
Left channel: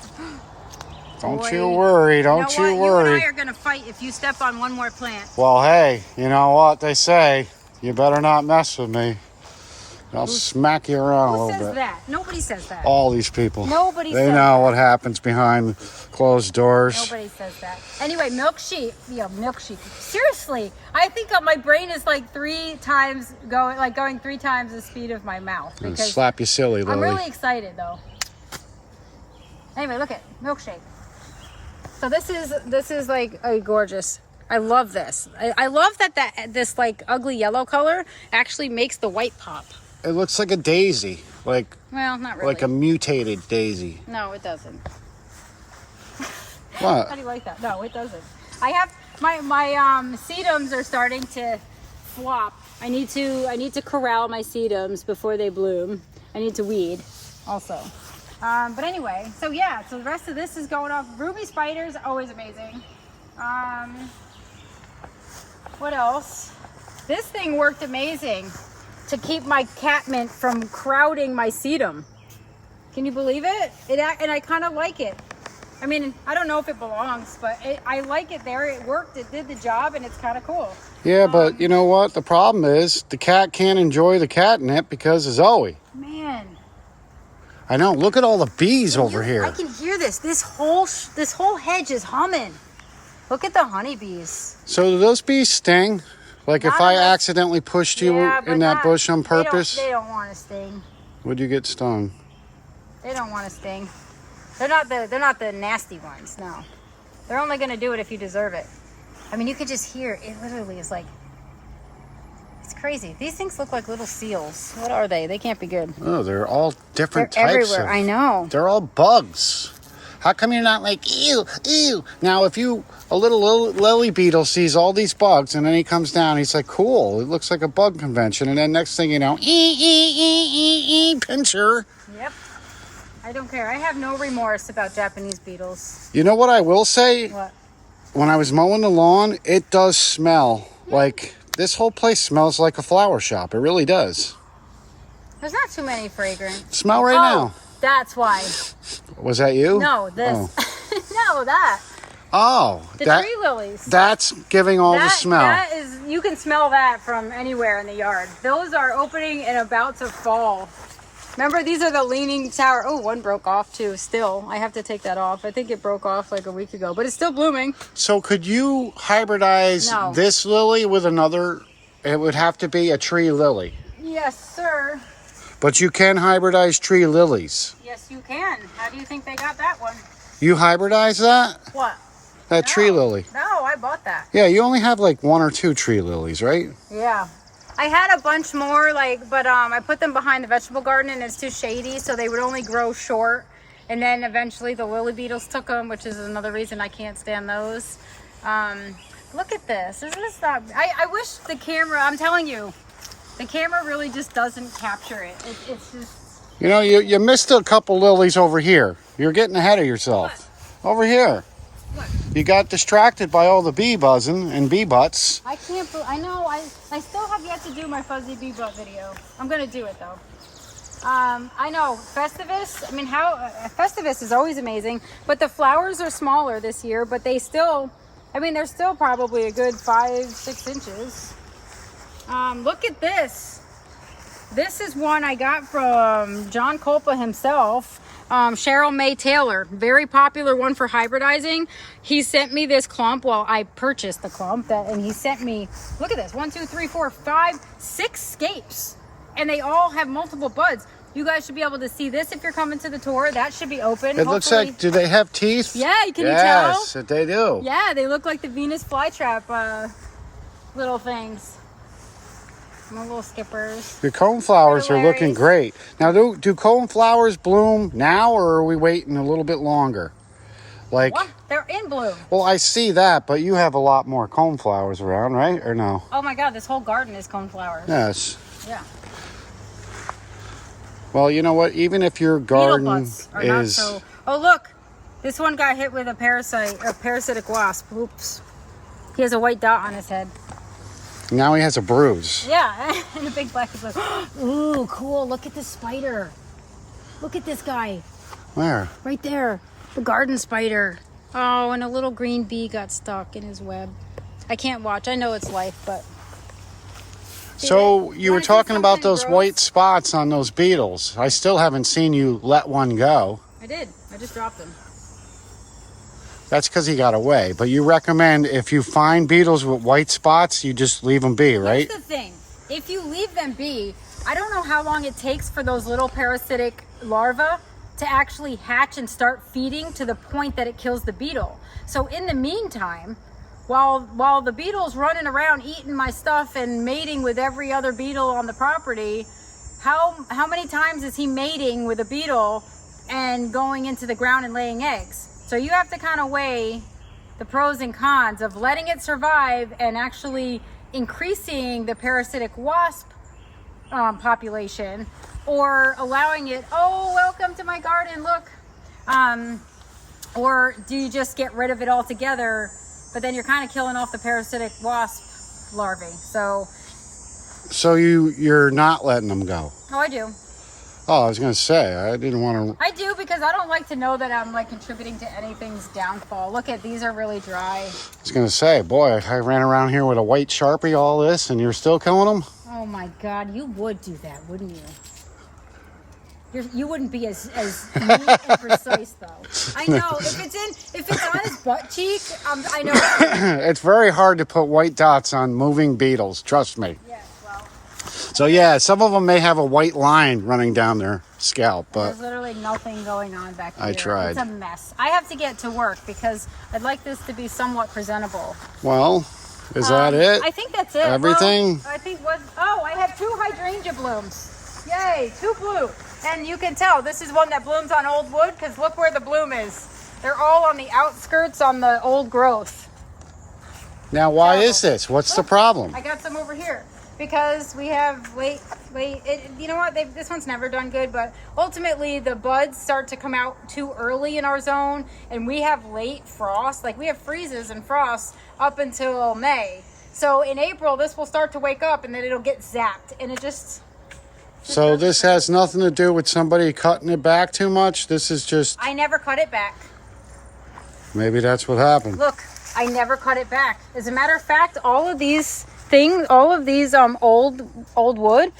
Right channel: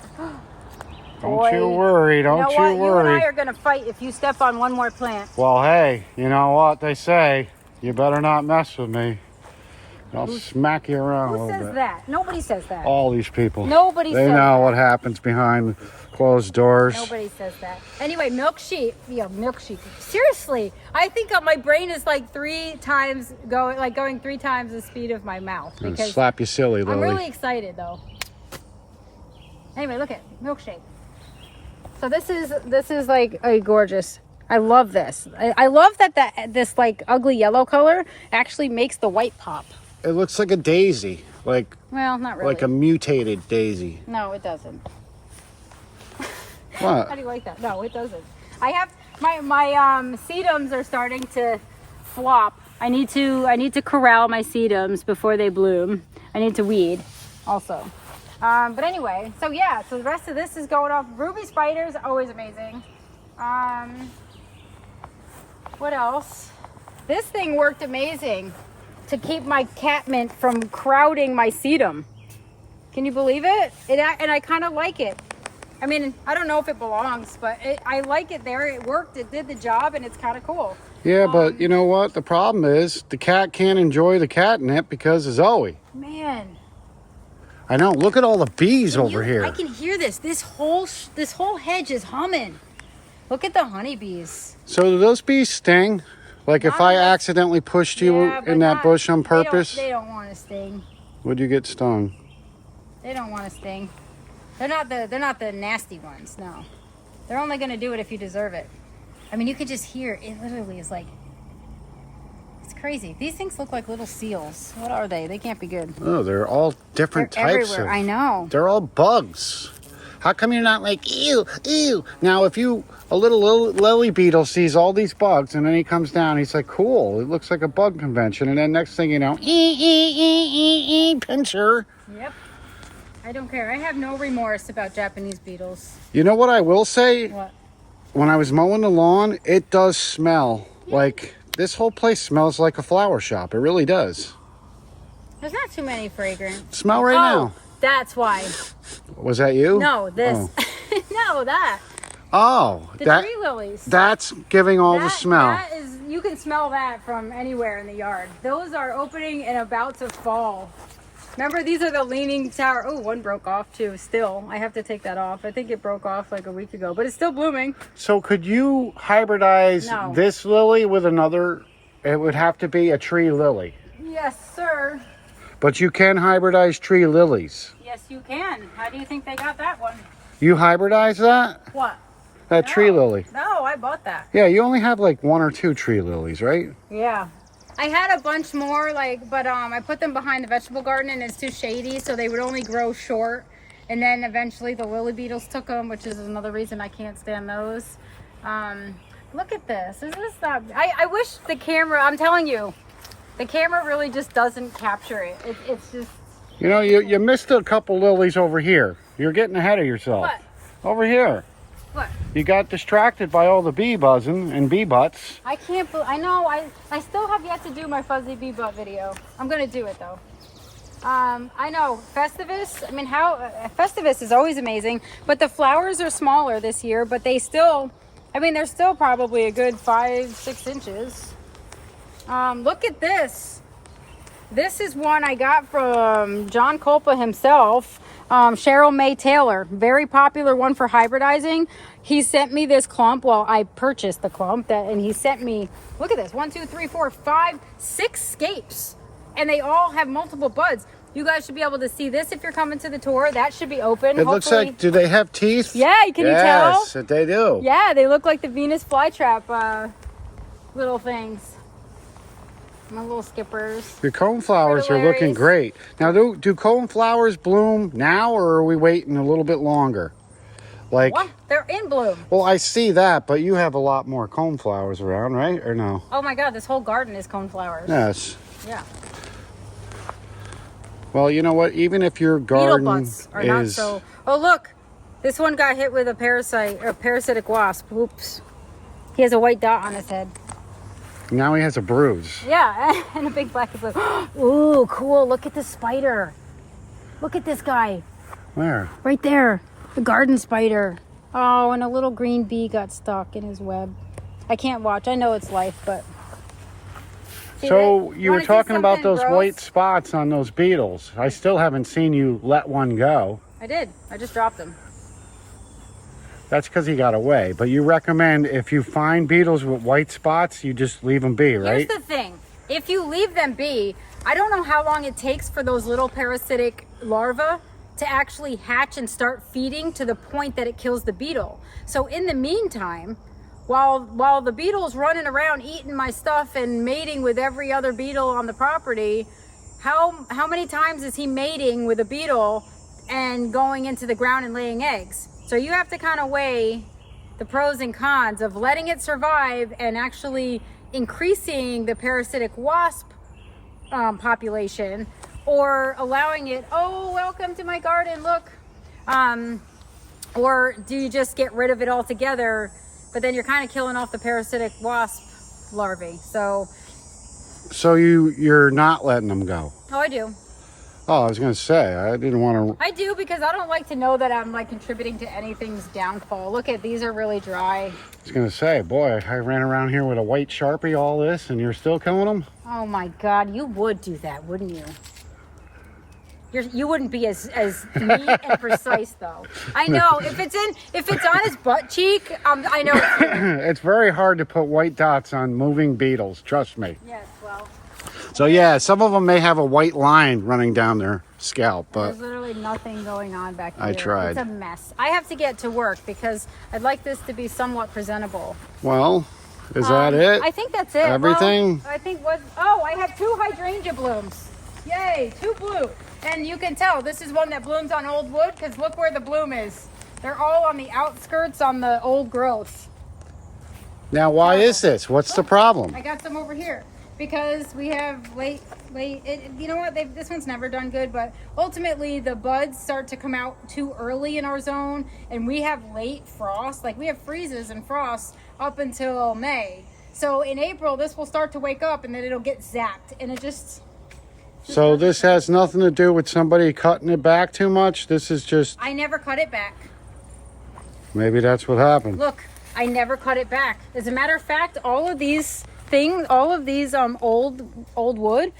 Don't you worry. Don't you worry. You and I are gonna fight if you step on one more plant. Well, hey, you know what they say? You better not mess with me. I'll smack you around a little bit. Who says that? Nobody says that. All these people. Nobody They says know that. what happens behind closed doors. Nobody says that. Anyway, milkshake. Yeah, milkshake. Seriously, I think my brain is like going 3 times the speed of my mouth. I'm gonna Because slap you silly, Lily. I'm really excited though. Anyway, look at milkshake. So this is like a gorgeous. I love this. I love that this like ugly yellow color actually makes the white pop. It looks like a daisy, well, not really. like a mutated daisy. No, it doesn't. What? How do you like that? No, it doesn't. I have my sedums are starting to flop. I need to corral my sedums before they bloom. I need to weed also. But anyway, so yeah, so the rest of this is going off. Ruby spiders, always amazing. What else? This thing worked amazing to keep my catmint from crowding my sedum. Can you believe it? And I kind of like it. I mean, I don't know if it belongs, but I like it there. It worked. It did the job, and it's kind of cool. Yeah, but you know what? The problem is the cat can't enjoy the catnip because of Zoe. Man. I know. Look at all the bees over here. I can hear this. This whole hedge is humming. Look at the honeybees. So do those bees sting? Like if I accidentally pushed you in that bush on purpose? They don't want to sting. Would you get stung? They don't want to sting. They're not the nasty ones. No. They're only going to do it if you deserve it. I mean, you could just hear it. Literally is like, it's crazy. These things look like little seals. What are they? They can't be good. Oh, they're all different types everywhere. I know. They're all bugs. How come you're not like, ew, ew? Now, if a little lily beetle sees all these bugs and then he comes down, he's like, cool, it looks like a bug convention. And then next thing you know, pincher. Yep. I don't care. I have no remorse about Japanese beetles. You know what I will say? What? When I was mowing the lawn, it does smell like, this whole place smells like a flower shop. It really does. There's not too many fragrant. Smell right now. That's why. Was that you? No, this. Oh. No, that. Oh, The tree lilies. That's giving all the smell. That is, you can smell that from anywhere in the yard. Those are opening and about to fall. Remember, these are the leaning tower. Oh, one broke off too. Still, I have to take that off. I think it broke off like a week ago, but it's still blooming. So could you hybridize this lily with another? It would have to be a tree lily. Yes, sir. But you can hybridize tree lilies. Yes, you can. How do you think they got that one? You hybridize that? What? That tree lily. No, I bought that. Yeah, you only have like 1 or 2 tree lilies, right? Yeah. I had a bunch more, but I put them behind the vegetable garden and it's too shady, so they would only grow short. And then eventually the lily beetles took them, which is another reason I can't stand those. Look at this. This is not, I wish the camera, I'm telling you, the camera really just doesn't capture it. It's just... You know, you missed a couple lilies over here. You're getting ahead of yourself. What? Over here. What? You got distracted by all the bee buzzing and bee butts. I can't, I know, I still have yet to do my fuzzy bee butt video. I'm going to do it though. I know, Festivus, I mean, Festivus is always amazing, but the flowers are smaller this year, but they still, I mean, they're still probably a good 5-6 inches. Look at this. This is one I got from John Culpa himself Cheryl May Taylor, very popular one for hybridizing. He sent me this clump. Well, I purchased the clump, and he sent me, look at this, 1, 2, 3, 4, 5, 6 scapes, and they all have multiple buds. You guys should be able to see this if you're coming to the tour. That should be open. It looks like, do they have teeth? Yeah, can you tell? Yes, they do. Yeah, they look like the Venus flytrap little things. My little skippers. Your coneflowers are looking great. Now, do coneflowers bloom now, or are we waiting a little bit longer? Like, Well, they're in bloom. well, I see that, but you have a lot more coneflowers around, right? Or no? Oh my God, this whole garden is coneflowers. Yes. Yeah. Well, you know what? Even if your garden is... So... Oh, look. This one got hit with a parasitic wasp. Oops. He has a white dot on his head. Now he has a bruise. Yeah, and a big black blue. Ooh, cool. Look at the spider. Look at this guy. Where? Right there. The garden spider. Oh, and a little green bee got stuck in his web. I can't watch. I know it's life, but... So you were talking about those white spots on those beetles. I still haven't seen you let one go. I did. I just dropped him. That's because he got away. But you recommend if you find beetles with white spots, you just leave them be, right? Here's the thing. If you leave them be, I don't know how long it takes for those little parasitic larvae to actually hatch and start feeding to the point that it kills the beetle. So in the meantime, while the beetle's running around eating my stuff and mating with every other beetle on the property, how many times is he mating with a beetle and going into the ground and laying eggs? So you have to kind of weigh the pros and cons of letting it survive and actually increasing the parasitic wasp population, or allowing it, oh, welcome to my garden, look. Or do you just get rid of it altogether, but then you're kind of killing off the parasitic wasp larvae. So you're not letting them go? Oh, I do. Oh, I was going to say, I didn't want to... I do, because I don't like to know that I'm like contributing to anything's downfall. Look at, these are really dry. I was going to say, boy, I ran around here with a white Sharpie, all this, and you're still killing them? Oh my God, you would do that, wouldn't you? You wouldn't be as neat and precise though. I know, if it's on his butt cheek, I know. It's very hard to put white dots on moving beetles, trust me. Yes, well. So yeah, some of them may have a white line running down their scalp, but there's literally nothing going on back here. I tried. It's a mess. I have to get to work because I'd like this to be somewhat presentable. Well, is that it? I think that's it. Everything? Well, I think I have 2 hydrangea blooms. Yay, 2 blue. And you can tell this is one that blooms on old wood, because look where the bloom is. They're all on the outskirts on the old growth. Now, why is this? What's the problem? I got some over here because we have late. You know what? This one's never done good, but ultimately the buds start to come out too early in our zone, and we have late frost. Like we have freezes and frost up until May. So in April, this will start to wake up, and then it'll get zapped, and it just. So this has nothing to do with somebody cutting it back too much? This is just... I never cut it back. Maybe that's what happened. Look, I never cut it back. As a matter of fact, all of these old wood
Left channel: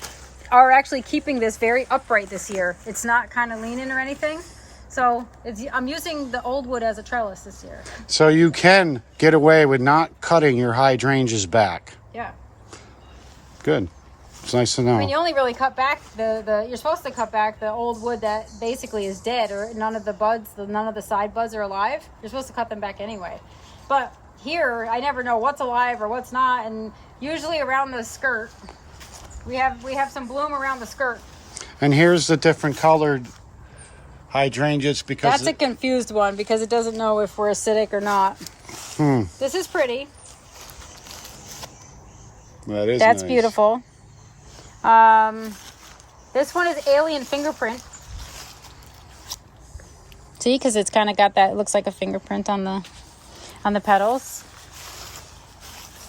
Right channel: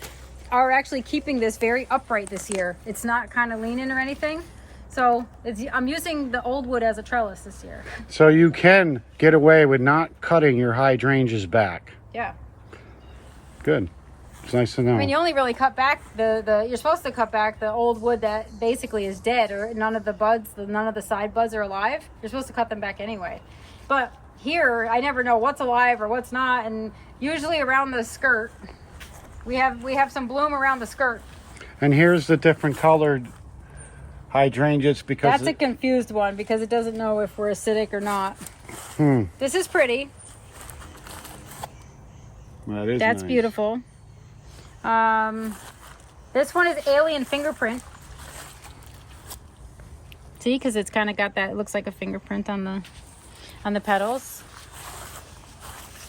are actually keeping this very upright this year. It's not kind of leaning or anything. So I'm using the old wood as a trellis this year. So you can get away with not cutting your hydrangeas back. Yeah. Good. It's nice to know. I mean, you only really cut back you're supposed to cut back the old wood that basically is dead, or none of the side buds are alive. You're supposed to cut them back anyway. But here, I never know what's alive or what's not, and usually around the skirt, we have some bloom around the skirt. And here's the different colored hydrangeas because that's a confused one because it doesn't know if we're acidic or not. This is pretty. That's nice. Beautiful. This one is alien fingerprint. See, because it's kind of got that, it looks like a fingerprint on the petals.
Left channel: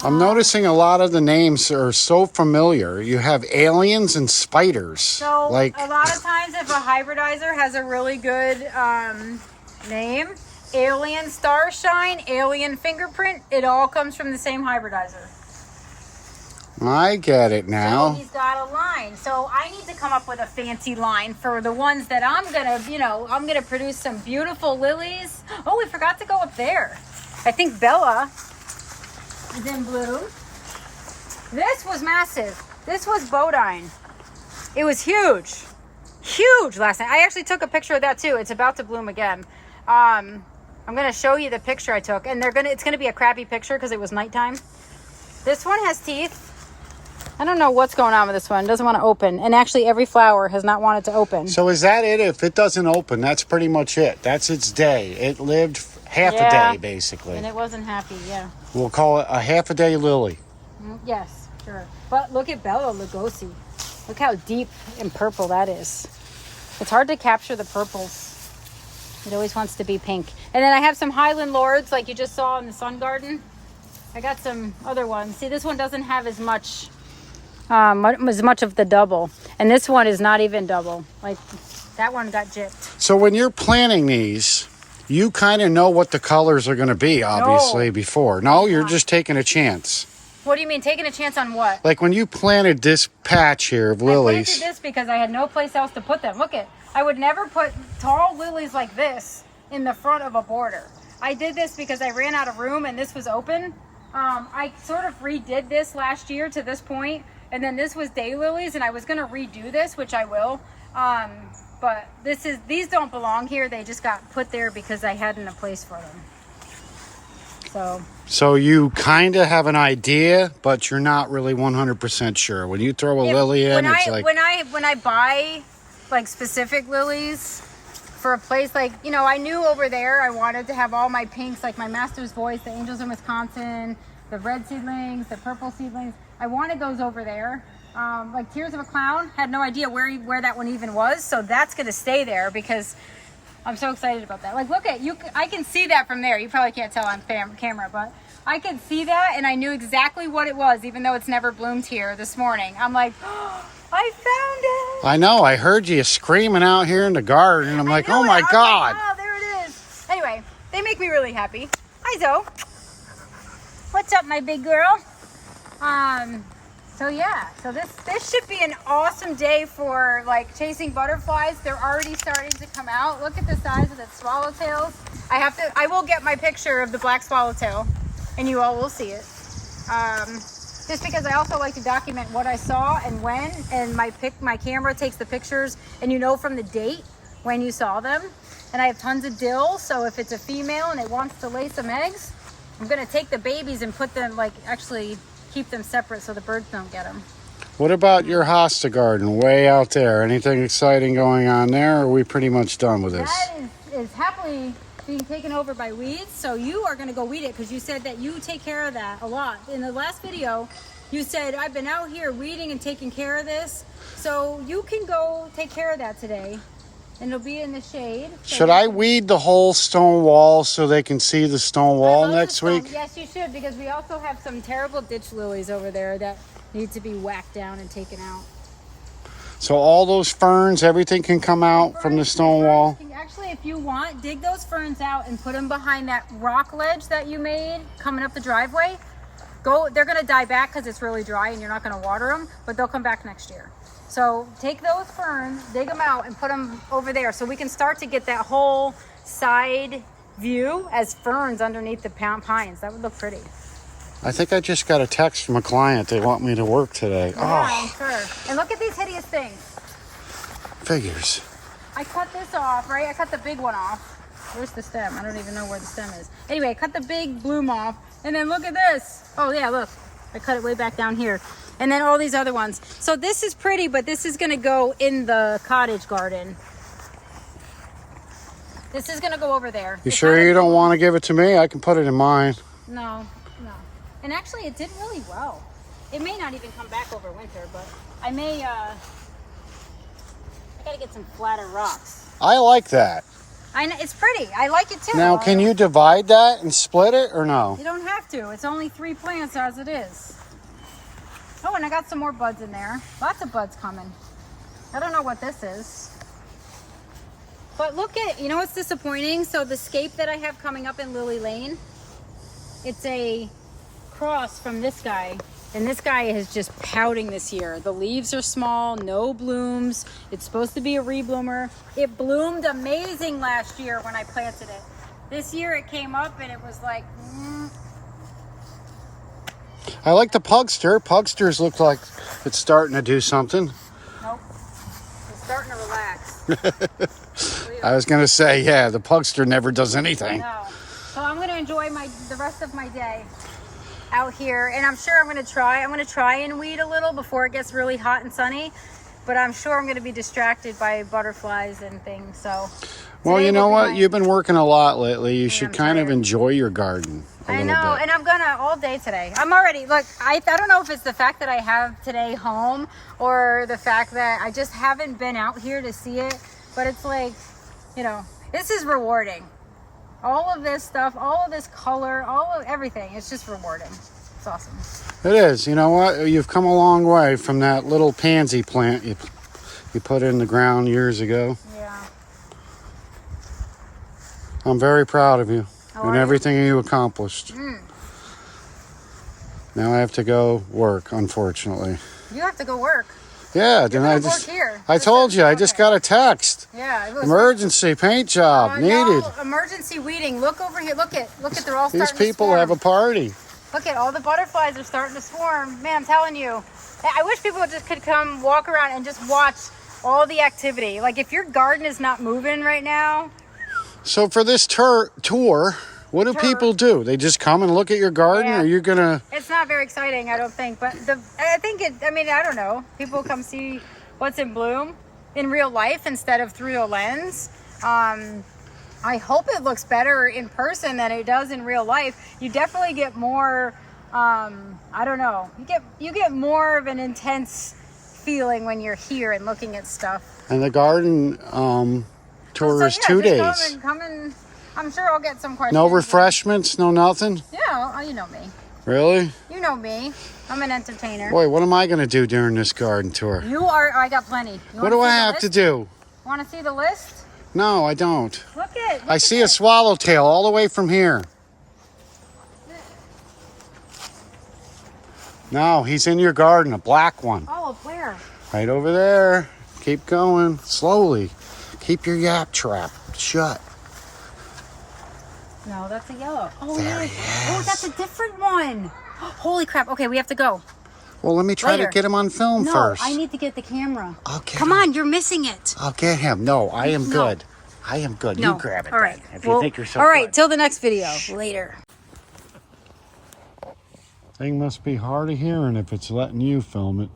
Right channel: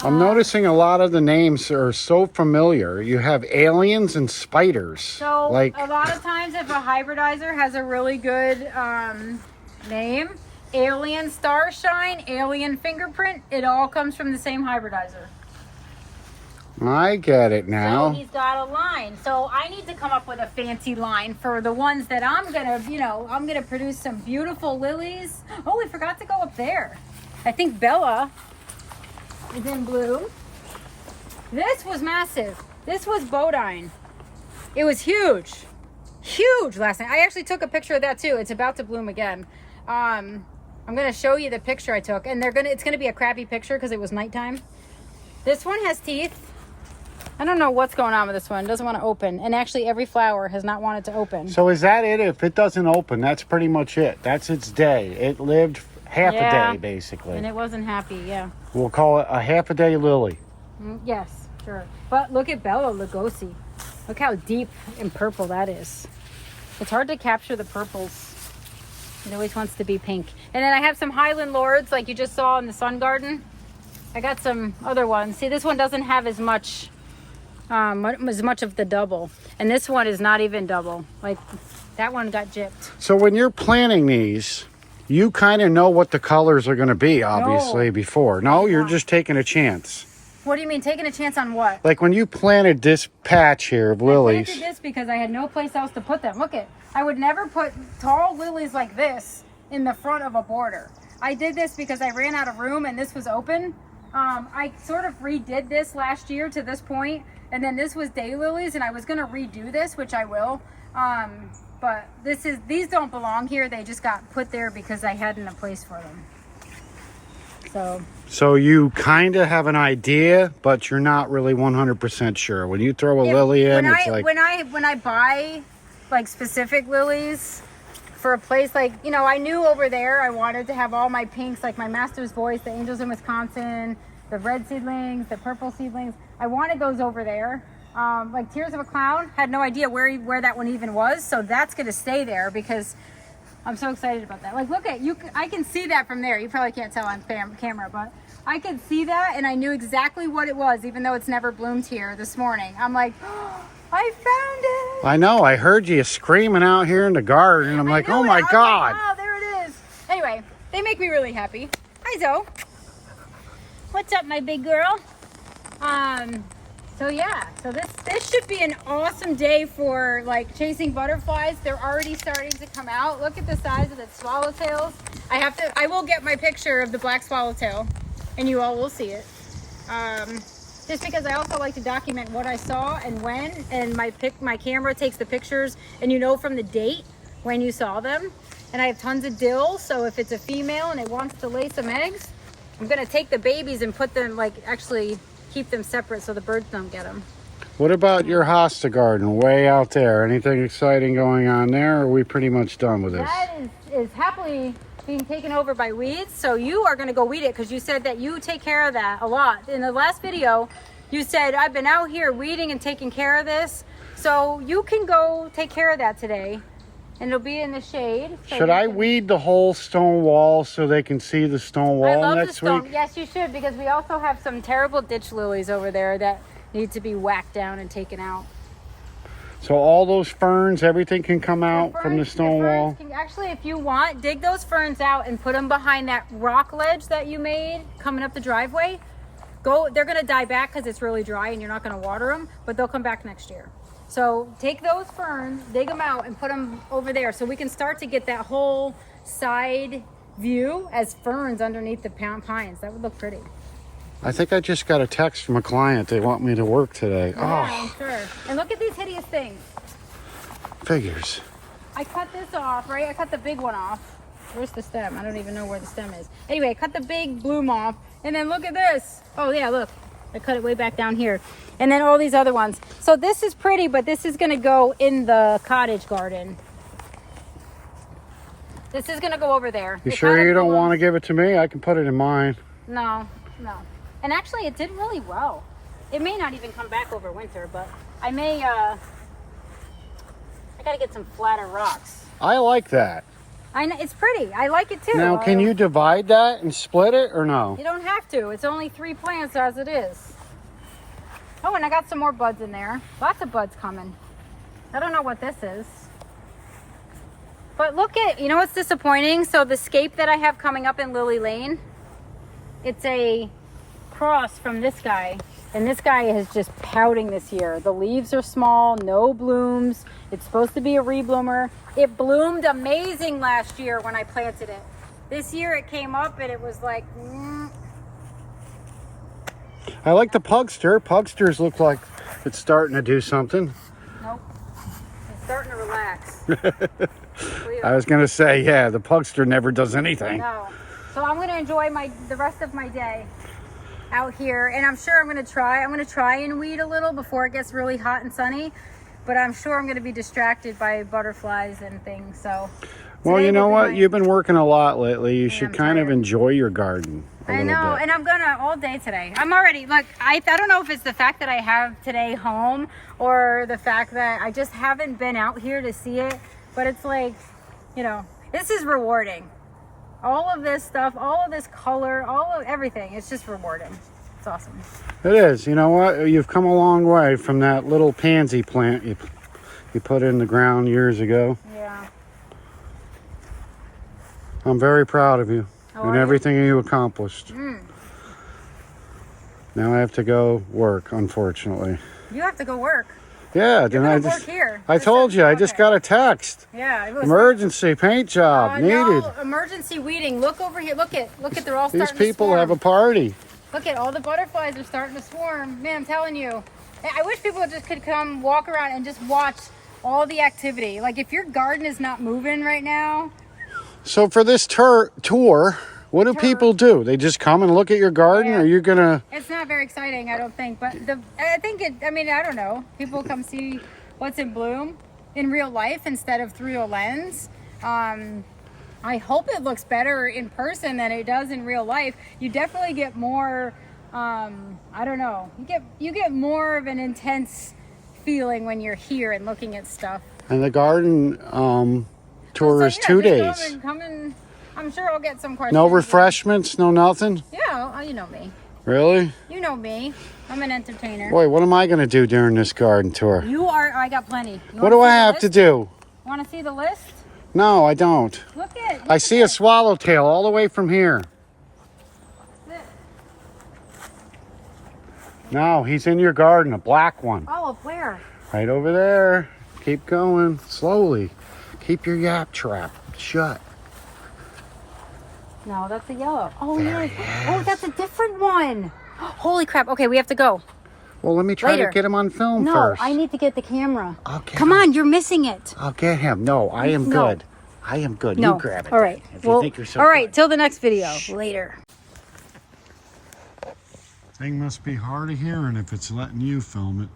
I'm noticing a lot of the names are so familiar. You have aliens and spiders. So a lot of times if a hybridizer has a really good name, alien starshine, alien fingerprint, it all comes from the same hybridizer. I get it So now. he's got a line. So I need to come up with a fancy line for the ones that I'm gonna, I'm gonna produce some beautiful lilies. Oh, we forgot to go up there. I think Bella is in bloom. This was massive. This was Bodine. It was huge. Huge last night. I actually took a picture of that too. It's about to bloom again. I'm gonna show you the picture I took, and it's gonna be a crappy picture because it was nighttime. This one has teeth. I don't know what's going on with this one. It doesn't want to open. And actually every flower has not wanted to open. So is that it? If it doesn't open, that's pretty much it. That's its day. It lived half a day, basically. And it wasn't happy, yeah. We'll call it a half a day lily. Yes, sure. But look at Bella Lugosi. Look how deep and purple that is. It's hard to capture the purples. It always wants to be pink. And then I have some Highland Lords like you just saw in the sun garden. I got some other ones. See, this one doesn't have as much of the double, and this one is not even double. Like that one got gypped. So when you're planting these, you kind of know what the colors are going to be, obviously, before. No, you're just taking a chance. What do you mean, taking a chance on what? Like when you planted this patch here of lilies. I planted this because I had no place else to put them. Look it, I would never put tall lilies like this in the front of a border. I did this because I ran out of room and this was open. I sort of redid this last year to this point. And then this was daylilies, and I was gonna redo this, which I will. But these don't belong here. They just got put there because I hadn't a place for them. So you kind of have an idea, but you're not really 100% sure. When you throw a lily in, it's like when I buy like specific lilies for a place like I knew over there I wanted to have all my pinks, like my Master's Voice, the Angels in Wisconsin, the red seedlings, the purple seedlings. I wanted those over there. Like Tears of a Clown, had no idea where that one even was. So that's going to stay there because I'm so excited about that. Like, look at you. I can see that from there. You probably can't tell on camera, but I could see that, and I knew exactly what it was, even though it's never bloomed here this morning. I'm like, oh, I found it. I know. I heard you screaming out here in the garden. I'm like, oh my God. Oh, there it is. Anyway, they make me really happy. Hi, Zoe. What's up, my big girl? So yeah, so this should be an awesome day for like chasing butterflies. They're already starting to come out. Look at the size of the swallowtails. I will get my picture of the black swallowtail and you all will see it. Just because I also like to document what I saw and when, and my camera takes the pictures and from the date when you saw them. And I have tons of dill, so if it's a female and it wants to lay some eggs, I'm gonna take the babies and put them, actually keep them separate so the birds don't get them. What about your hosta garden way out there? Anything exciting going on there, or are we pretty much done with this? That is happily being taken over by weeds, so you are gonna go weed it because you said that you take care of that a lot. In the last video, you said, I've been out here weeding and taking care of this, so you can go take care of that today. And it'll be in the shade. So should I weed the whole stone wall so they can see the stone wall next week? Yes, you should, because we also have some terrible ditch lilies over there that need to be whacked down and taken out. So all those ferns, everything can come out from the stone wall? Actually, if you want, dig those ferns out and put them behind that rock ledge that you made coming up the driveway. They're going to die back because it's really dry and you're not going to water them, but they'll come back next year. So take those ferns, dig them out, and put them over there so we can start to get that whole side view as ferns underneath the pines. That would look pretty. I think I just got a text from a client. They want me to work today. Yeah, I'm sure. And look at these hideous things. Figures. I cut this off, right? I cut the big one off. Where's the stem? I don't even know where the stem is. Anyway, I cut the big bloom off. And then look at this. Oh, yeah, look. I cut it way back down here. And then all these other ones. So this is pretty, but this is going to go in the cottage garden. This is going to go over there. You sure you don't want to give it to me? I can put it in mine. No. And actually, it did really well. It may not even come back over winter, but I may, I got to get some flatter rocks. I like that. I know, it's pretty. I like it too. Now, can you divide that and split it or no? You don't have to. It's only 3 plants as it is. Oh, and I got some more buds in there. Lots of buds coming. I don't know what this is. But look at, you know what's disappointing? So the scape that I have coming up in Lily Lane, it's a cross from this guy. And this guy is just pouting this year. The leaves are small, no blooms. It's supposed to be a rebloomer. It bloomed amazing last year when I planted it. This year it came up and it was like, I like the pugster. Pugsters look like it's starting to do something. Nope. It's starting to relax. I was going to say, yeah, the pugster never does anything. No. So I'm going to enjoy the rest of my day out here, and I'm sure I'm going to try and weed a little before it gets really hot and sunny, but I'm sure I'm going to be distracted by butterflies and things. So well, you know what, you've been working a lot lately. You should kind of tired. enjoy your garden a little bit. And I'm gonna all day today. I'm already, look, I don't know if it's the fact that I have today home or the fact that I just haven't been out here to see it, but it's like, you know, this is rewarding. All of this stuff, all of this color, all of everything, it's just rewarding. It's awesome. It is. You know what? You've come a long way from that little pansy plant you put in the ground years ago. Yeah. I'm very proud of you and everything you accomplished. Now I have to go work, unfortunately. You have to go work. Yeah, You're then gonna work here. I told you, I just got a text. Yeah, it was Emergency paint job needed. No, emergency weeding. Look over here. Look at they're all starting to swarm. These people have a party. Look at all the butterflies are starting to swarm. Man, I'm telling you. I wish people just could come walk around and just watch all the activity. Like if your garden is not moving right now. So for this tour, what do people do? They just come and look at your garden, or you're gonna? It's not very exciting, I don't think. But I don't know. People come see what's in bloom in real life instead of through a lens. I hope it looks better in person than it does in real life. You definitely get more. I don't know. You get more of an intense feeling when you're here and looking at stuff. And the garden tour is 2 days. Come and I'm sure I'll get some questions. No refreshments, no nothing? Yeah, you know me. Really? You know me. I'm an entertainer. Boy, what am I going to do during this garden tour? I got plenty. What do I have to do? Want to see the list? No, I don't. Look I see a swallowtail all the way from here. No, he's in your garden, a black one. Oh, where? Right over there. Keep going, slowly. Keep your yap trap shut. No, that's a yellow. Oh, yes. Oh, that's a different one. Holy crap. Okay, we have to go. Well, let me try to get him on film first. No, I need to get the camera. I'll get Come on, you're missing it. I'll get him. No, I am good. I am good. No. You grab it. All right. If you think you're so all right, good. till the next video. Later. Thing must be hard of hearing if it's letting you film it.